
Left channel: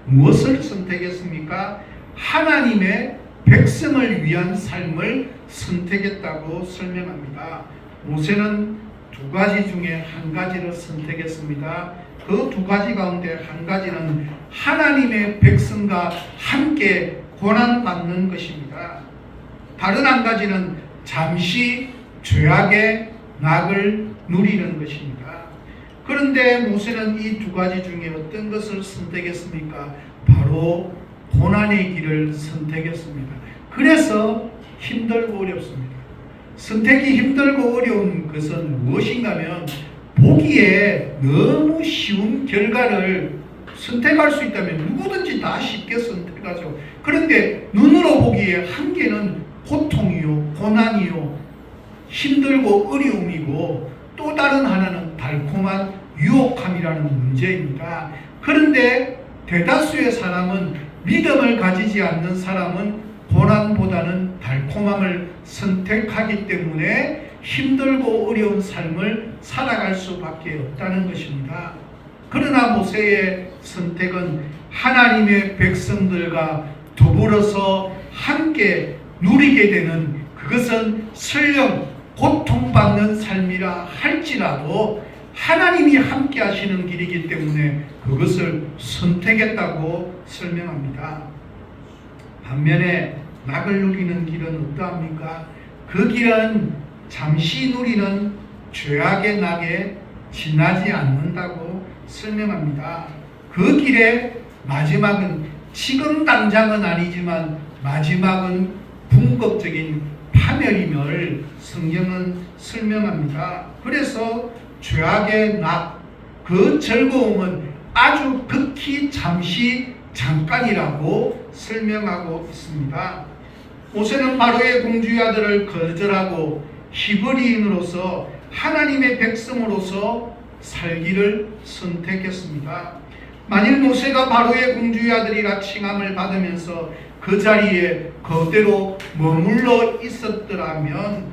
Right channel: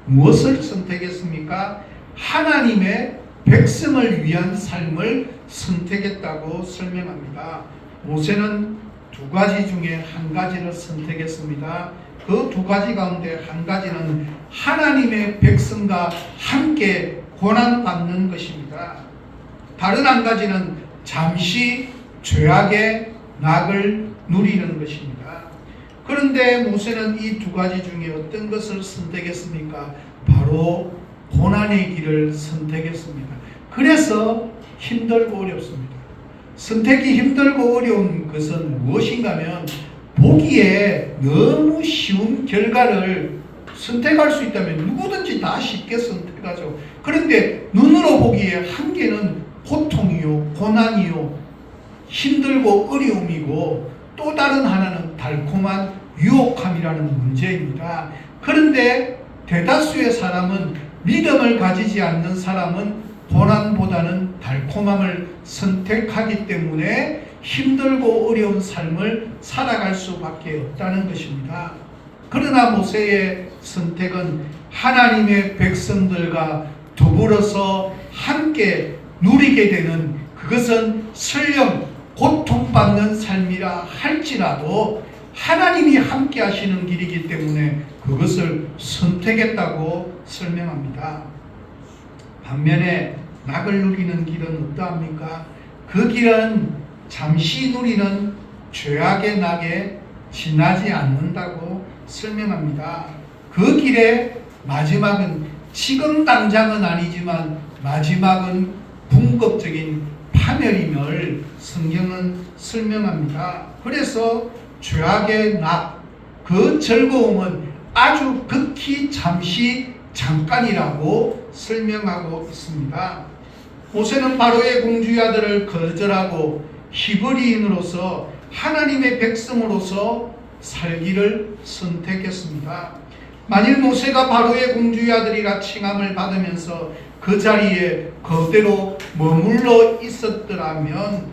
무엇을 선택했습니까? 하나님의 백성을 위한 삶을 선택했다고 설명합니다. 모세는 두 가지 중에 한 가지를 선택했습니다. 그 두 가지 가운데 한 가지는 하나님의 백성과 함께 고난받는 것입니다. 다른 한 가지는 잠시 죄악의 낙을 누리는 것입니다. 그런데 모세는 이 두 가지 중에 어떤 것을 선택했습니까? 바로 고난의 길을 선택했습니다. 그래서 힘들고 어렵습니다. 선택이 힘들고 어려운 것은 무엇인가 하면 보기에 너무 쉬운 결과를 선택할 수 있다면 누구든지 다 쉽게 선택하죠. 그런데 눈으로 보기에 한계는 고통이요, 고난이요, 힘들고 어려움이고 또 다른 하나는 달콤한 유혹함이라는 문제입니다. 그런데 대다수의 사람은, 믿음을 가지지 않는 사람은 고난보다는 달콤함을 선택하기 때문에 힘들고 어려운 삶을 살아갈 수밖에 없다는 것입니다. 그러나 모세의 선택은 하나님의 백성들과 더불어서 함께 누리게 되는, 그것은 설령 고통받는 삶이라 할지라도 하나님이 함께 하시는 길이기 때문에 그것을 선택했다고 설명합니다. 반면에 낙을 누리는 길은 어떠합니까? 그 길은 잠시 누리는 죄악의 낙에 지나지 않는다고 설명합니다. 그 길의 마지막은, 지금 당장은 아니지만 마지막은 궁극적인 파멸임을 성경은 설명합니다. 그래서 죄악의 낙, 그 즐거움은 아주 극히 잠깐이라고 설명하고 있습니다. 모세는 바로의 공주의 아들을 거절하고 히브리인으로서 하나님의 백성으로서 살기를 선택했습니다. 만일 모세가 바로의 공주의 아들이라 칭함을 받으면서 그 자리에 그대로 머물러 있었더라면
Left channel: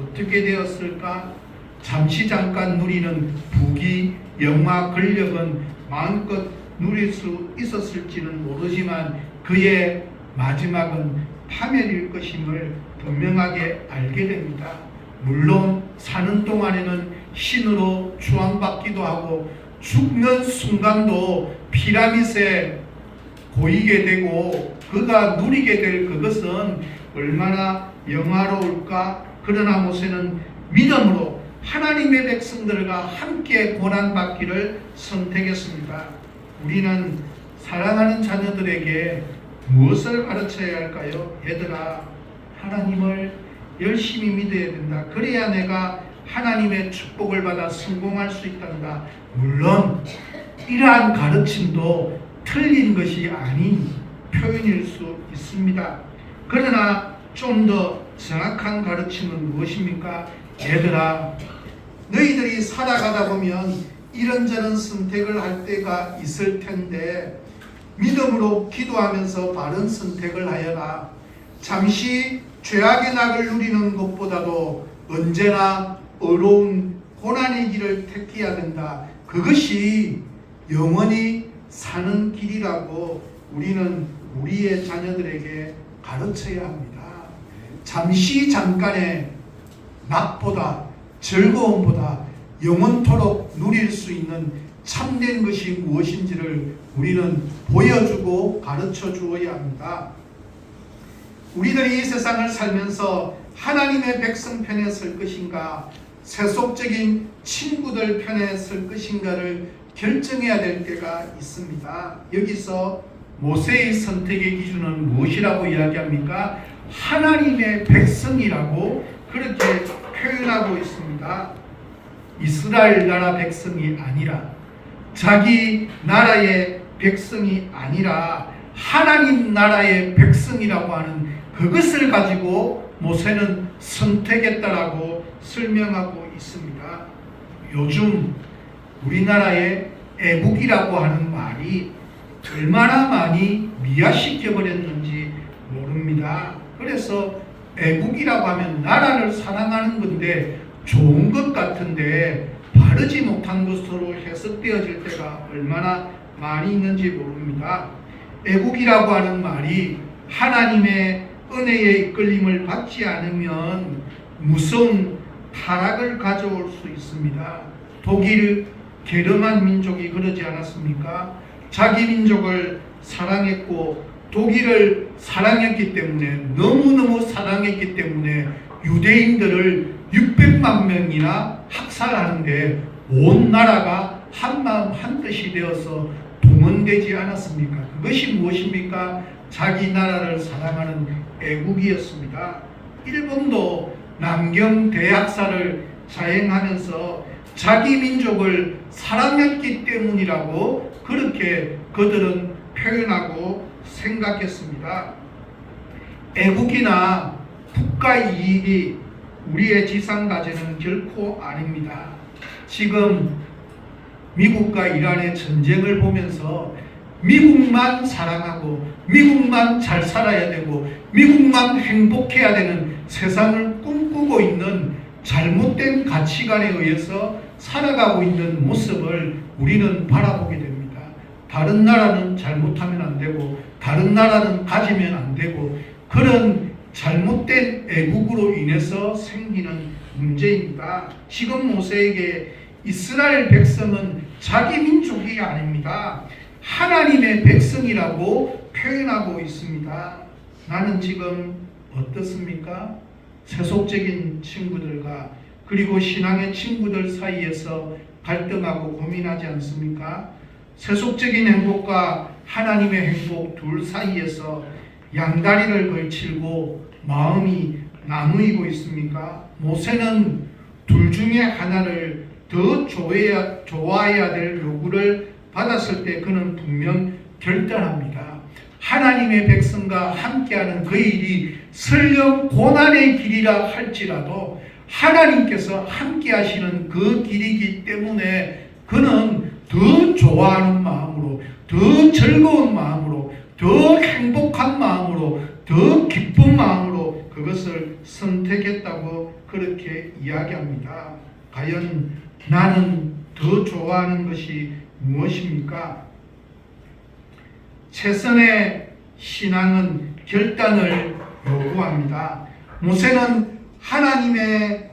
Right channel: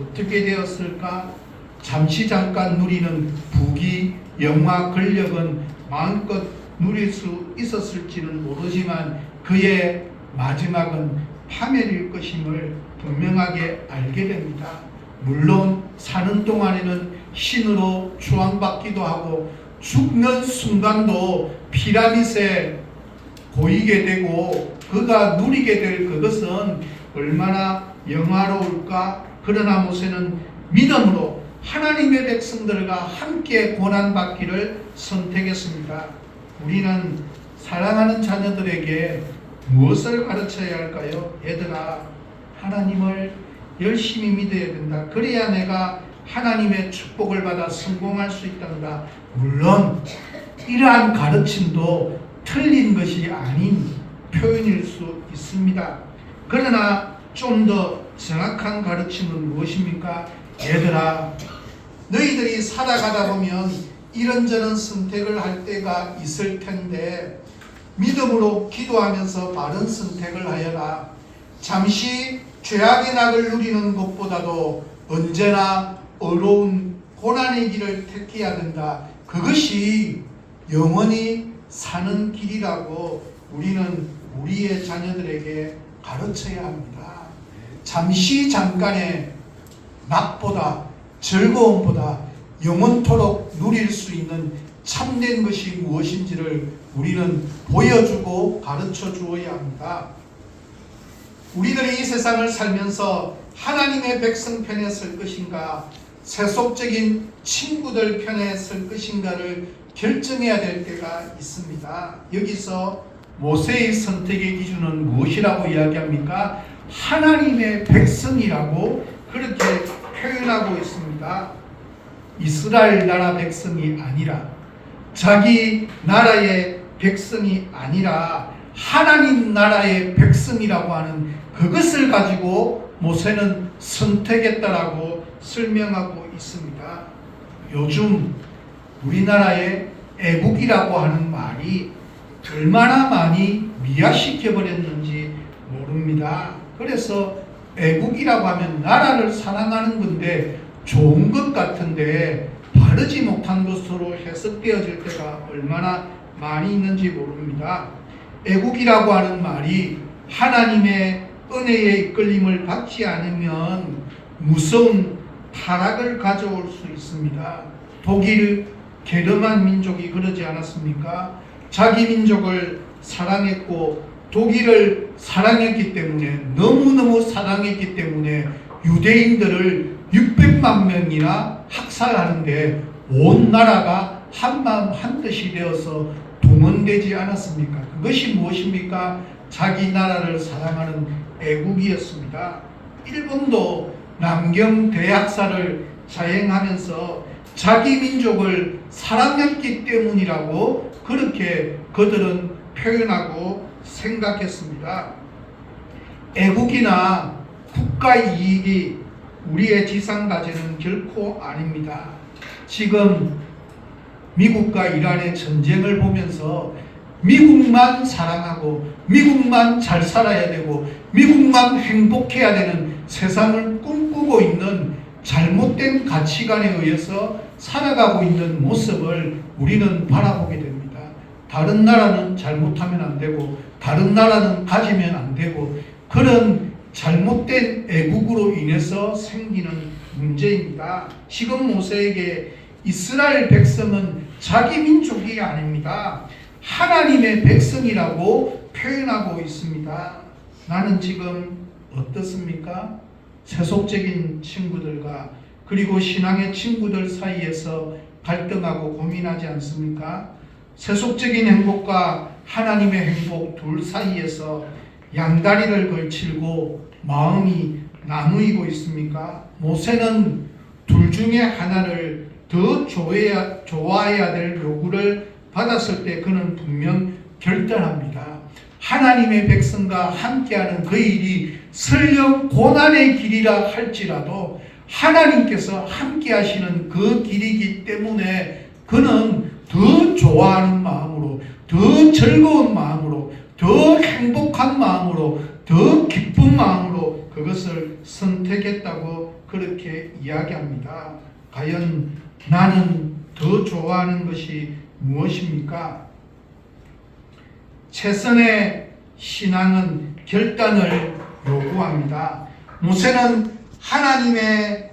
어떻게 되었을까? 잠깐 누리는 부귀, 영화, 권력은 마음껏 누릴 수 있었을지는 모르지만 그의 마지막은 파멸일 것임을 분명하게 알게 됩니다. 물론 사는 동안에는 신으로 추앙받기도 하고 죽는 순간도 피라밋에 고이게 되고 그가 누리게 될 그것은 얼마나 영화로울까. 그러나 모세는 믿음으로 하나님의 백성들과 함께 고난받기를 선택했습니다. 우리는 사랑하는 자녀들에게 무엇을 가르쳐야 할까요? 얘들아, 하나님을 열심히 믿어야 된다. 그래야 내가 하나님의 축복을 받아 성공할 수 있단다. 물론 이러한 가르침도 틀린 것이 아닌 표현일 수 있습니다. 그러나 좀 더 정확한 가르침은 무엇입니까? 얘들아, 너희들이 살아가다 보면 이런저런 선택을 할 때가 있을 텐데 믿음으로 기도하면서 바른 선택을 하여라. 잠시 죄악의 낙을 누리는 것보다도 언제나 어려운 고난의 길을 택해야 된다. 그것이 영원히 사는 길이라고 우리는 우리의 자녀들에게 가르쳐야 합니다. 잠깐의 낙보다, 즐거움보다 영원토록 누릴 수 있는 참된 것이 무엇인지를 우리는 보여주고 가르쳐 주어야 합니다. 우리들이 이 세상을 살면서 하나님의 백성 편에 설 것인가, 세속적인 친구들 편에 설 것인가를 결정해야 될 때가 있습니다. 여기서 모세의 선택의 기준은 무엇이라고 이야기합니까? 하나님의 백성이라고 그렇게 표현하고 있습니다. 이스라엘 나라 백성이 아니라, 자기 나라의 백성이 아니라 하나님 나라의 백성이라고 하는 그것을 가지고 모세는 선택했다라고 설명하고 있습니다. 요즘 우리나라의 애국이라고 하는 말이 얼마나 많이 미화시켜 버렸는지 모릅니다. 그래서 애국이라고 하면 나라를 사랑하는 건데 좋은 것 같은데 바르지 못한 것으로 해석되어질 때가 얼마나 많이 있는지 모릅니다. 애국이라고 하는 말이 하나님의 은혜의 이끌림을 받지 않으면 무서운 타락을 가져올 수 있습니다. 독일 게르만 민족이 그러지 않았습니까? 자기 민족을 사랑했고 독일을 사랑했기 때문에, 너무너무 사랑했기 때문에 유대인들을 600만 명이나 학살하는데 온 나라가 한마음 한뜻이 되어서 동원되지 않았습니까? 그것이 무엇입니까? 자기 나라를 사랑하는 애국이었습니다. 일본도 남경 대학살을 자행하면서 자기 민족을 사랑했기 때문이라고 그렇게 그들은 표현하고 생각했습니다. 애국이나 국가 이익이 우리의 지상과제는 결코 아닙니다. 지금 미국과 이란의 전쟁을 보면서 미국만 사랑하고 미국만 잘 살아야 되고 미국만 행복해야 되는 세상을 꿈꾸고 있는 잘못된 가치관에 의해서 살아가고 있는 모습을 우리는 바라보게 됩니다. 다른 나라는 잘못하면 안 되고 다른 나라는 가지면 안 되고, 그런 잘못된 애국으로 인해서 생기는 문제입니다. 지금 모세에게 이스라엘 백성은 자기 민족이 아닙니다. 하나님의 백성이라고 표현하고 있습니다. 나는 지금 어떻습니까? 세속적인 친구들과 그리고 신앙의 친구들 사이에서 갈등하고 고민하지 않습니까? 세속적인 행복과 하나님의 행복 둘 사이에서 양다리를 걸치고 마음이 나누이고 있습니까? 모세는 둘 중에 하나를 더 좋아해야 될 요구를 받았을 때 그는 분명 결단합니다. 하나님의 백성과 함께하는 그 일이 설령 고난의 길이라 할지라도 하나님께서 함께하시는 그 길이기 때문에 그는 더 좋아하는 마음으로, 더 즐거운 마음으로, 더 행복한 마음으로, 더 기쁜 마음으로 그것을 선택했다고 그렇게 이야기합니다. 과연 나는 더 좋아하는 것이 무엇입니까? 최선의 신앙은 결단을 요구합니다. 모세는 하나님의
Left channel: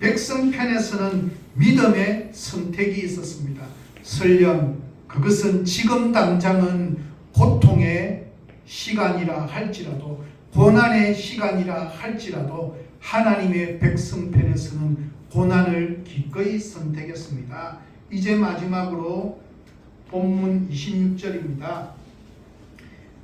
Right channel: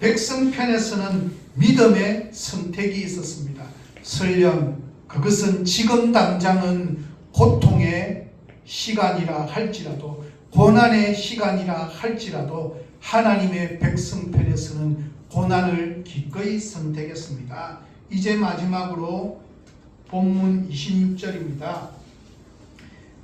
백성 편에서는 믿음의 선택이 있었습니다. 설령 그것은 지금 당장은 고통의 시간이라 할지라도, 고난의 시간이라 할지라도 하나님의 백성 편에서는 고난을 기꺼이 선택했습니다. 이제 마지막으로 본문 26절입니다.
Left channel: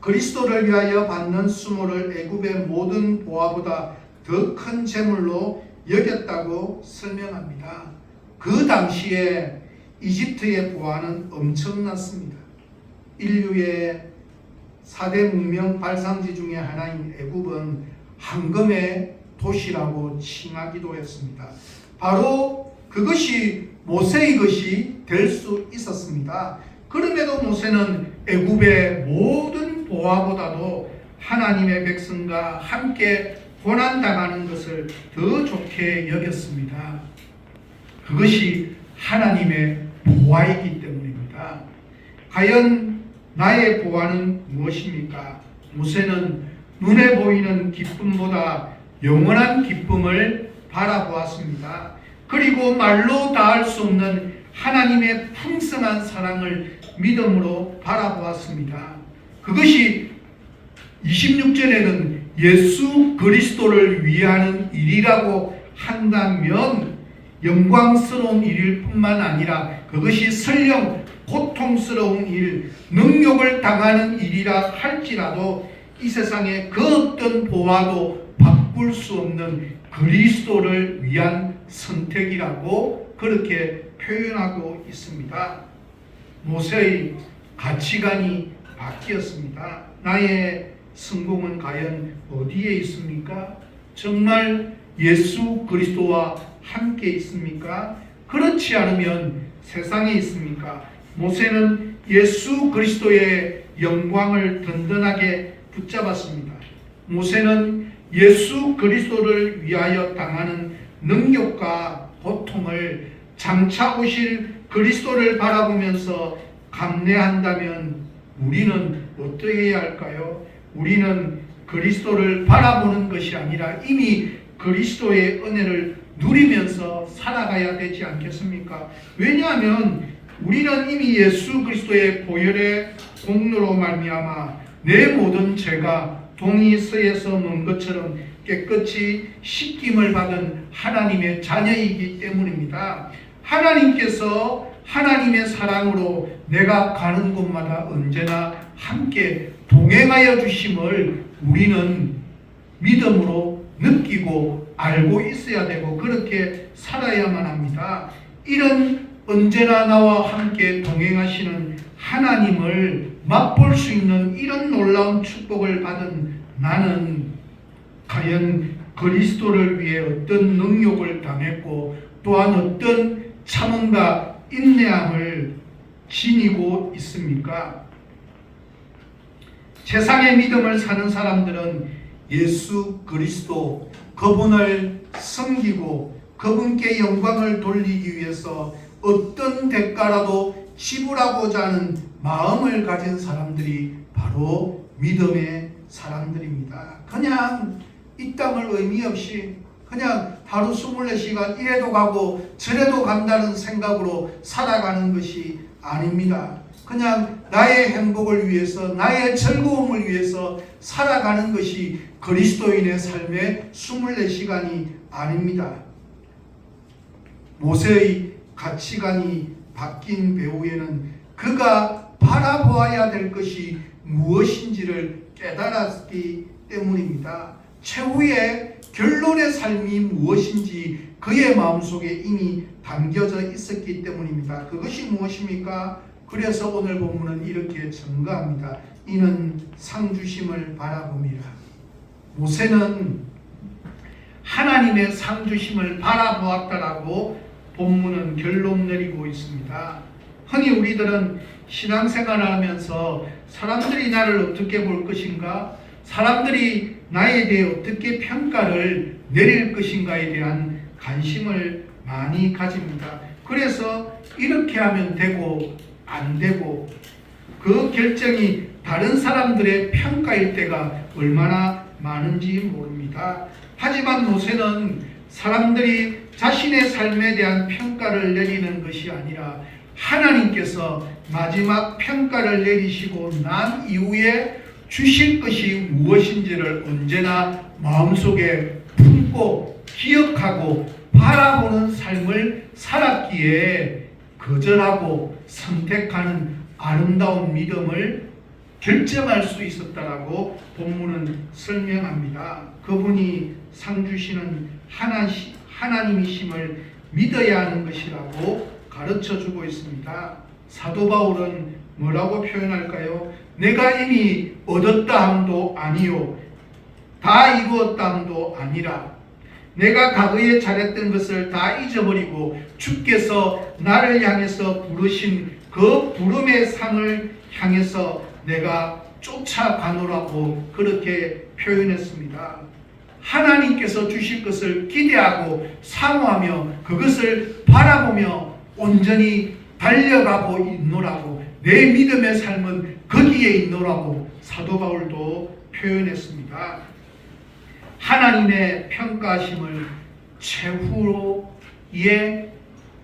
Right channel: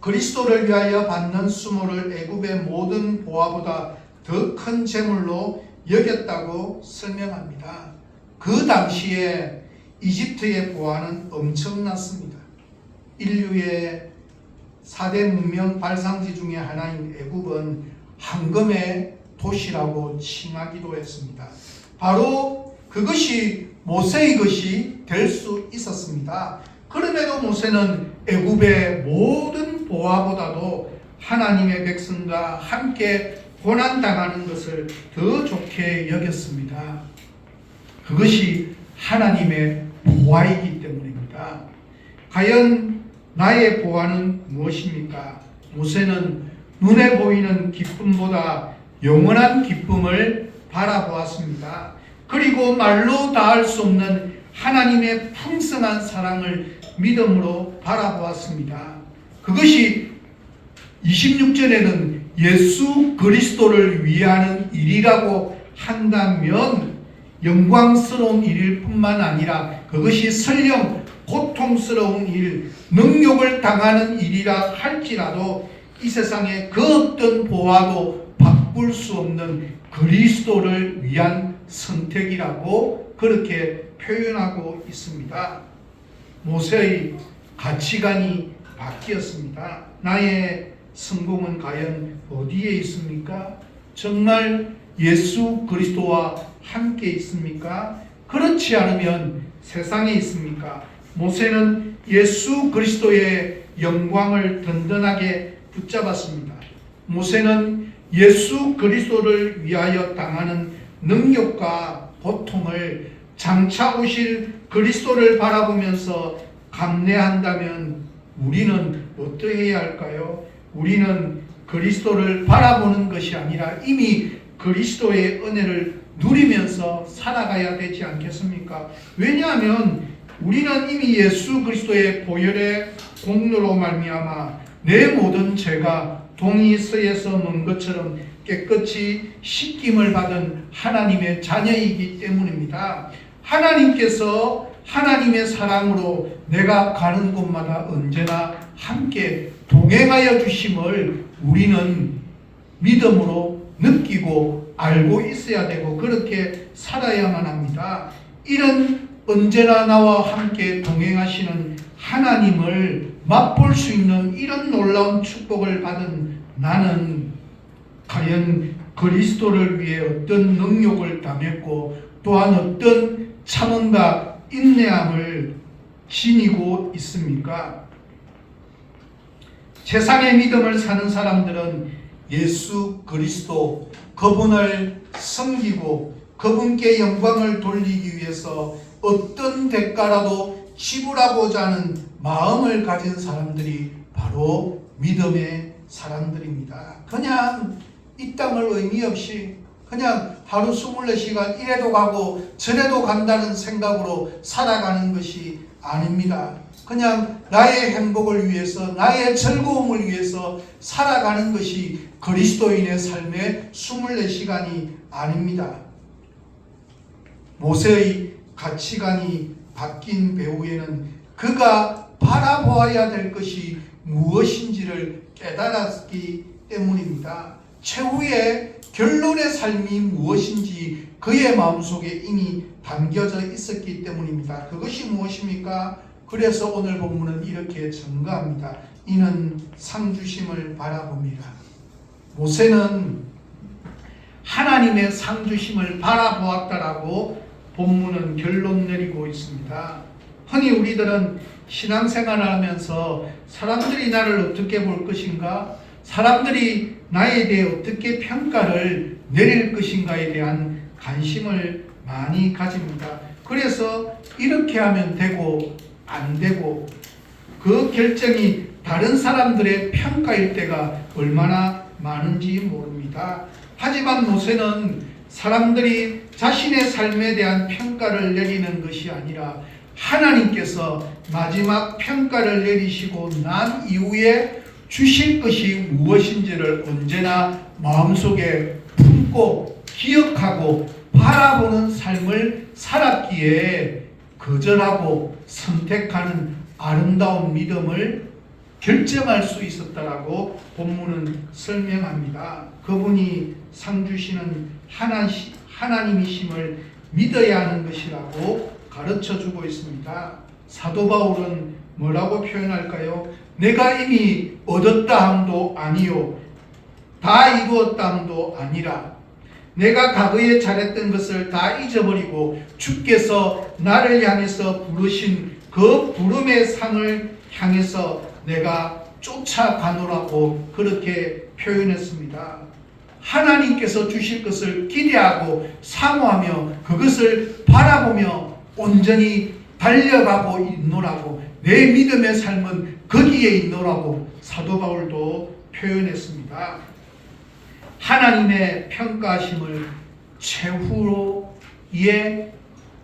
그리스도를 위하여 받는 수모를 애굽의 모든 보화보다 더 큰 재물로 여겼다고 설명합니다. 그 당시에 이집트의 보화는 엄청났습니다. 인류의 4대 문명 발상지 중에 하나인 애굽은 황금의 도시라고 칭하기도 했습니다. 바로 그것이 모세의 것이 될 수 있었습니다. 그럼에도 모세는 애굽의 모든 보화보다도 하나님의 백성과 함께 고난당하는 것을 더 좋게 여겼습니다. 그것이 하나님의 보화이기 때문입니다. 과연 나의 보화는 무엇입니까? 모세는 눈에 보이는 기쁨보다 영원한 기쁨을 바라보았습니다. 그리고 말로 다할 수 없는 하나님의 풍성한 사랑을 믿음으로 바라보았습니다. 그것이 26절에는 예수 그리스도를 위하는 일이라고 한다면 영광스러운 일일 뿐만 아니라 그것이 설령 고통스러운 일, 능욕을 당하는 일이라 할지라도 이 세상에 그 어떤 보화도 바꿀 수 없는 그리스도를 위한 선택이라고 그렇게 표현하고 있습니다. 모세의 가치관이 바뀌었습니다. 나의 성공은 과연 어디에 있습니까? 정말 예수 그리스도와 함께 있습니까? 그렇지 않으면 세상에 있습니까? 모세는 예수 그리스도의 영광을 든든하게 붙잡았습니다. 모세는 예수 그리스도를 위하여 당하는 능력과 고통을 장차 오실 그리스도를 바라보면서 감내한다면 우리는 어떻게 해야 할까요? 우리는 그리스도를 바라보는 것이 아니라 이미 그리스도의 은혜를 누리면서 살아가야 되지 않겠습니까? 왜냐하면 우리는 이미 예수 그리스도의 보혈의 공로로 말미암아 내 모든 죄가 동이서에서 놓은 것처럼 깨끗이 씻김을 받은 하나님의 자녀이기 때문입니다. 하나님께서 하나님의 사랑으로 내가 가는 곳마다 언제나 함께 동행하여 주심을 우리는 믿음으로 느끼고 알고 있어야 되고 그렇게 살아야만 합니다. 이런 언제나 나와 함께 동행하시는 하나님을 맛볼 수 있는 이런 놀라운 축복을 받은 나는 과연 그리스도를 위해 어떤 능욕을 당했고 또한 어떤 참음과 인내함을 지니고 있습니까? 세상의 믿음을 사는 사람들은 예수 그리스도 그분을 섬기고 그분께 영광을 돌리기 위해서 어떤 대가라도 지불하고자 하는 마음을 가진 사람들이 바로 믿음의 사람들입니다. 그냥 이 땅을 의미 없이 그냥 하루 24시간 이래도 가고 저래도 간다는 생각으로 살아가는 것이 아닙니다. 그냥 나의 행복을 위해서 나의 즐거움을 위해서 살아가는 것이 그리스도인의 삶의 24시간이 아닙니다. 모세의 가치관이 바뀐 배후에는 그가 바라보아야 될 것이 무엇인지를 깨달았기 때문입니다. 최후의 결론의 삶이 무엇인지 그의 마음속에 이미 담겨져 있었기 때문입니다. 그것이 무엇입니까? 그래서 오늘 본문은 이렇게 증거합니다. 이는 상주심을 바라봅니다. 모세는 하나님의 상주심을 바라보았다라고 본문은 결론 내리고 있습니다. 흔히 우리들은 신앙생활을 하면서 사람들이 나를 어떻게 볼 것인가? 사람들이 나에 대해 어떻게 평가를 내릴 것인가에 대한 관심을 많이 가집니다. 그래서 이렇게 하면 되고 안 되고 그 결정이 다른 사람들의 평가일 때가 얼마나 많은지 모릅니다. 하지만 모세는 사람들이 자신의 삶에 대한 평가를 내리는 것이 아니라 하나님께서 마지막 평가를 내리시고 난 이후에 주실 것이 무엇인지를 언제나 마음속에 품고 기억하고 바라보는 삶을 살았기에 거절하고 선택하는 아름다운 믿음을 결정할 수 있었다라고 본문은 설명합니다. 그분이 상 주시는 하나님이심을 믿어야 하는 것이라고 가르쳐주고 있습니다. 사도 바울은 뭐라고 표현할까요? 내가 이미 얻었다 함도 아니요 다 이루었다 함도 아니라 내가 과거에 잘했던 것을 다 잊어버리고 주께서 나를 향해서 부르신 그 부름의 상을 향해서 내가 쫓아가노라고 그렇게 표현했습니다. 하나님께서 주실 것을 기대하고 사모하며 그것을 바라보며 온전히 달려가고 있노라고 내 믿음의 삶은 거기에 있노라고 사도 바울도 표현했습니다. 하나님의 평가하심을 최후의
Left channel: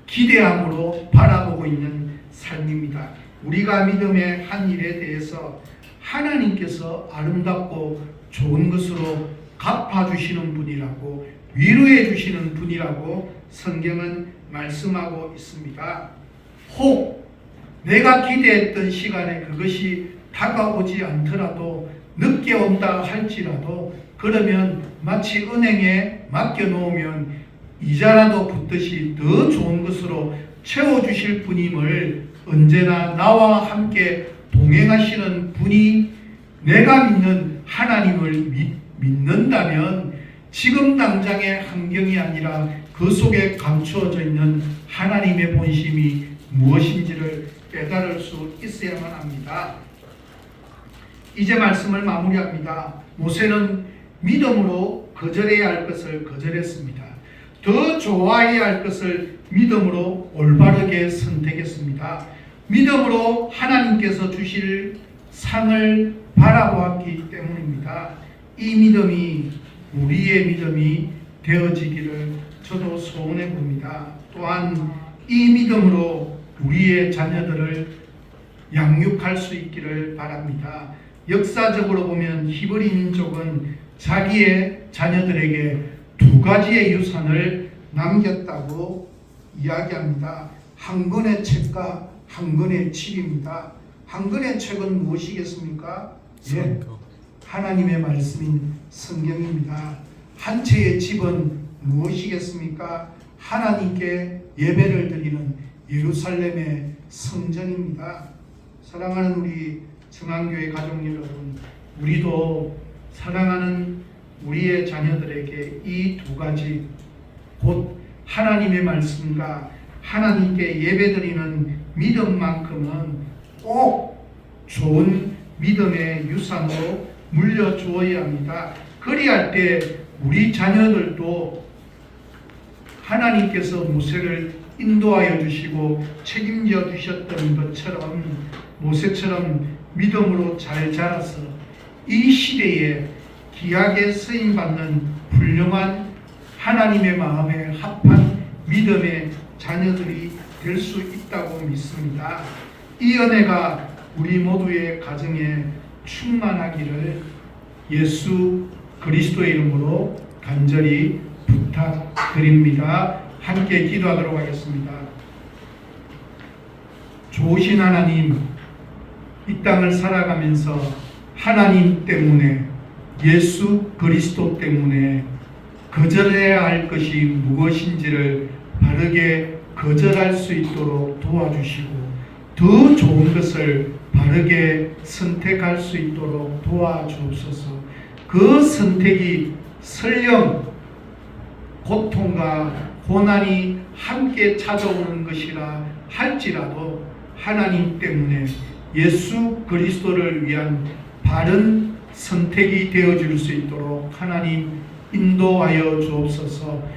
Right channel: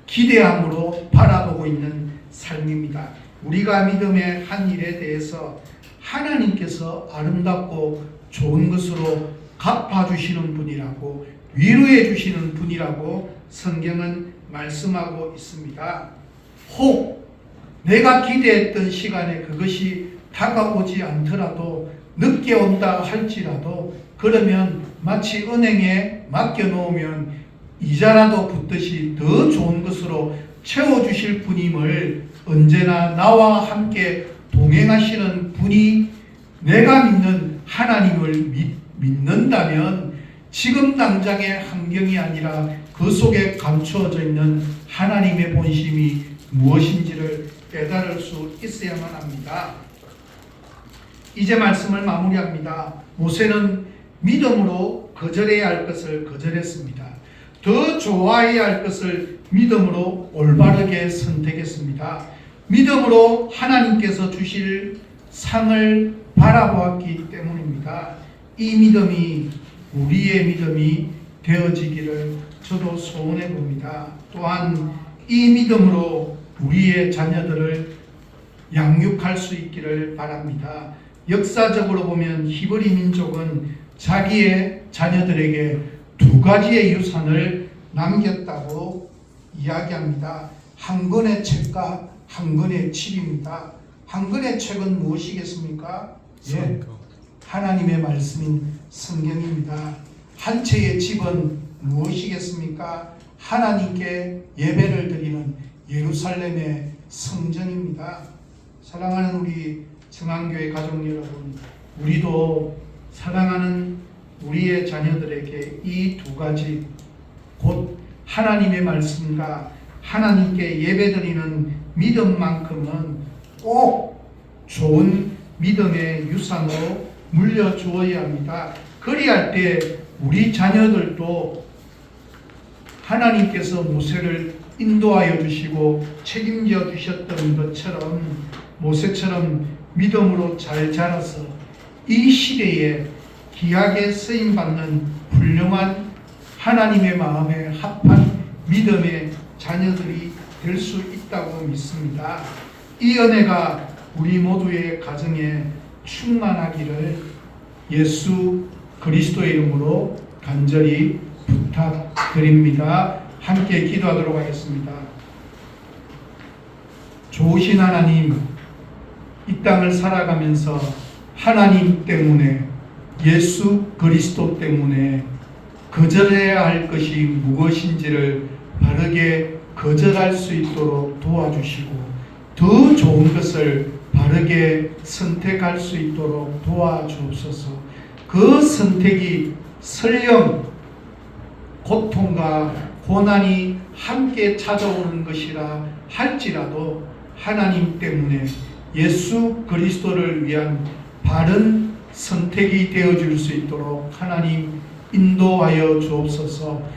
기대함으로 바라보고 있는 삶입니다. 우리가 믿음의 한 일에 대해서 하나님께서 아름답고 좋은 것으로 갚아주시는 분이라고 위로해 주시는 분이라고 성경은 말씀하고 있습니다. 혹 내가 기대했던 시간에 그것이 다가오지 않더라도 늦게 온다 할지라도 그러면 마치 은행에 맡겨놓으면 이자라도 붙듯이 더 좋은 것으로 채워주실 분임을 언제나 나와 함께 동행하시는 분이 내가 믿는 하나님을 믿는다면 지금 당장의 환경이 아니라 그 속에 감추어져 있는 하나님의 본심이 무엇인지를 깨달을 수 있어야만 합니다. 이제 말씀을 마무리합니다. 모세는 믿음으로 거절해야 할 것을 거절했습니다. 더 좋아해야 할 것을 믿음으로 올바르게 선택했습니다. 믿음으로 하나님께서 주실 상을 바라보았기 때문입니다. 이 믿음이 우리의 믿음이 되어지기를 저도 소원해 봅니다. 또한 이 믿음으로 우리의 자녀들을 양육할 수 있기를 바랍니다. 역사적으로 보면 히브리 민족은 자기의 자녀들에게 두 가지의 유산을 남겼다고 이야기합니다. 한 권의 책과 한 권의 칩입니다. 한 권의 책은 무엇이겠습니까? 예, 하나님의 말씀인 성경입니다. 한 채의 칩은 무엇이겠습니까? 하나님께 예배를 드리는 예루살렘의 성전입니다. 사랑하는 우리 증안교회 가족 여러분, 우리도 사랑하는 우리의 자녀들에게 이 두 가지, 곧 하나님의 말씀과 하나님께 예배드리는 믿음만큼은 꼭 좋은 믿음의 유산으로 물려주어야 합니다. 그리할 때 우리 자녀들도 하나님께서 모세를 인도하여 주시고 책임져 주셨던 것처럼 모세처럼 믿음으로 잘 자라서 이 시대에 귀하게 쓰임받는 훌륭한 하나님의 마음에 합한 믿음의 자녀들이 될 수 있다고 믿습니다. 이 은혜가 우리 모두의 가정에 충만하기를 예수 그리스도의 이름으로 간절히 부탁드립니다. 함께 기도하도록 하겠습니다. 좋으신 하나님, 이 땅을 살아가면서 하나님 때문에, 예수 그리스도 때문에 거절해야 할 것이 무엇인지를 바르게 거절할 수 있도록 도와주시고 더 좋은 것을 바르게 선택할 수 있도록 도와주옵소서. 그 선택이 설령 고통과 고난이 함께 찾아오는 것이라 할지라도 하나님 때문에 예수 그리스도를 위한 바른 선택이 되어줄 수 있도록 하나님 인도하여 주옵소서.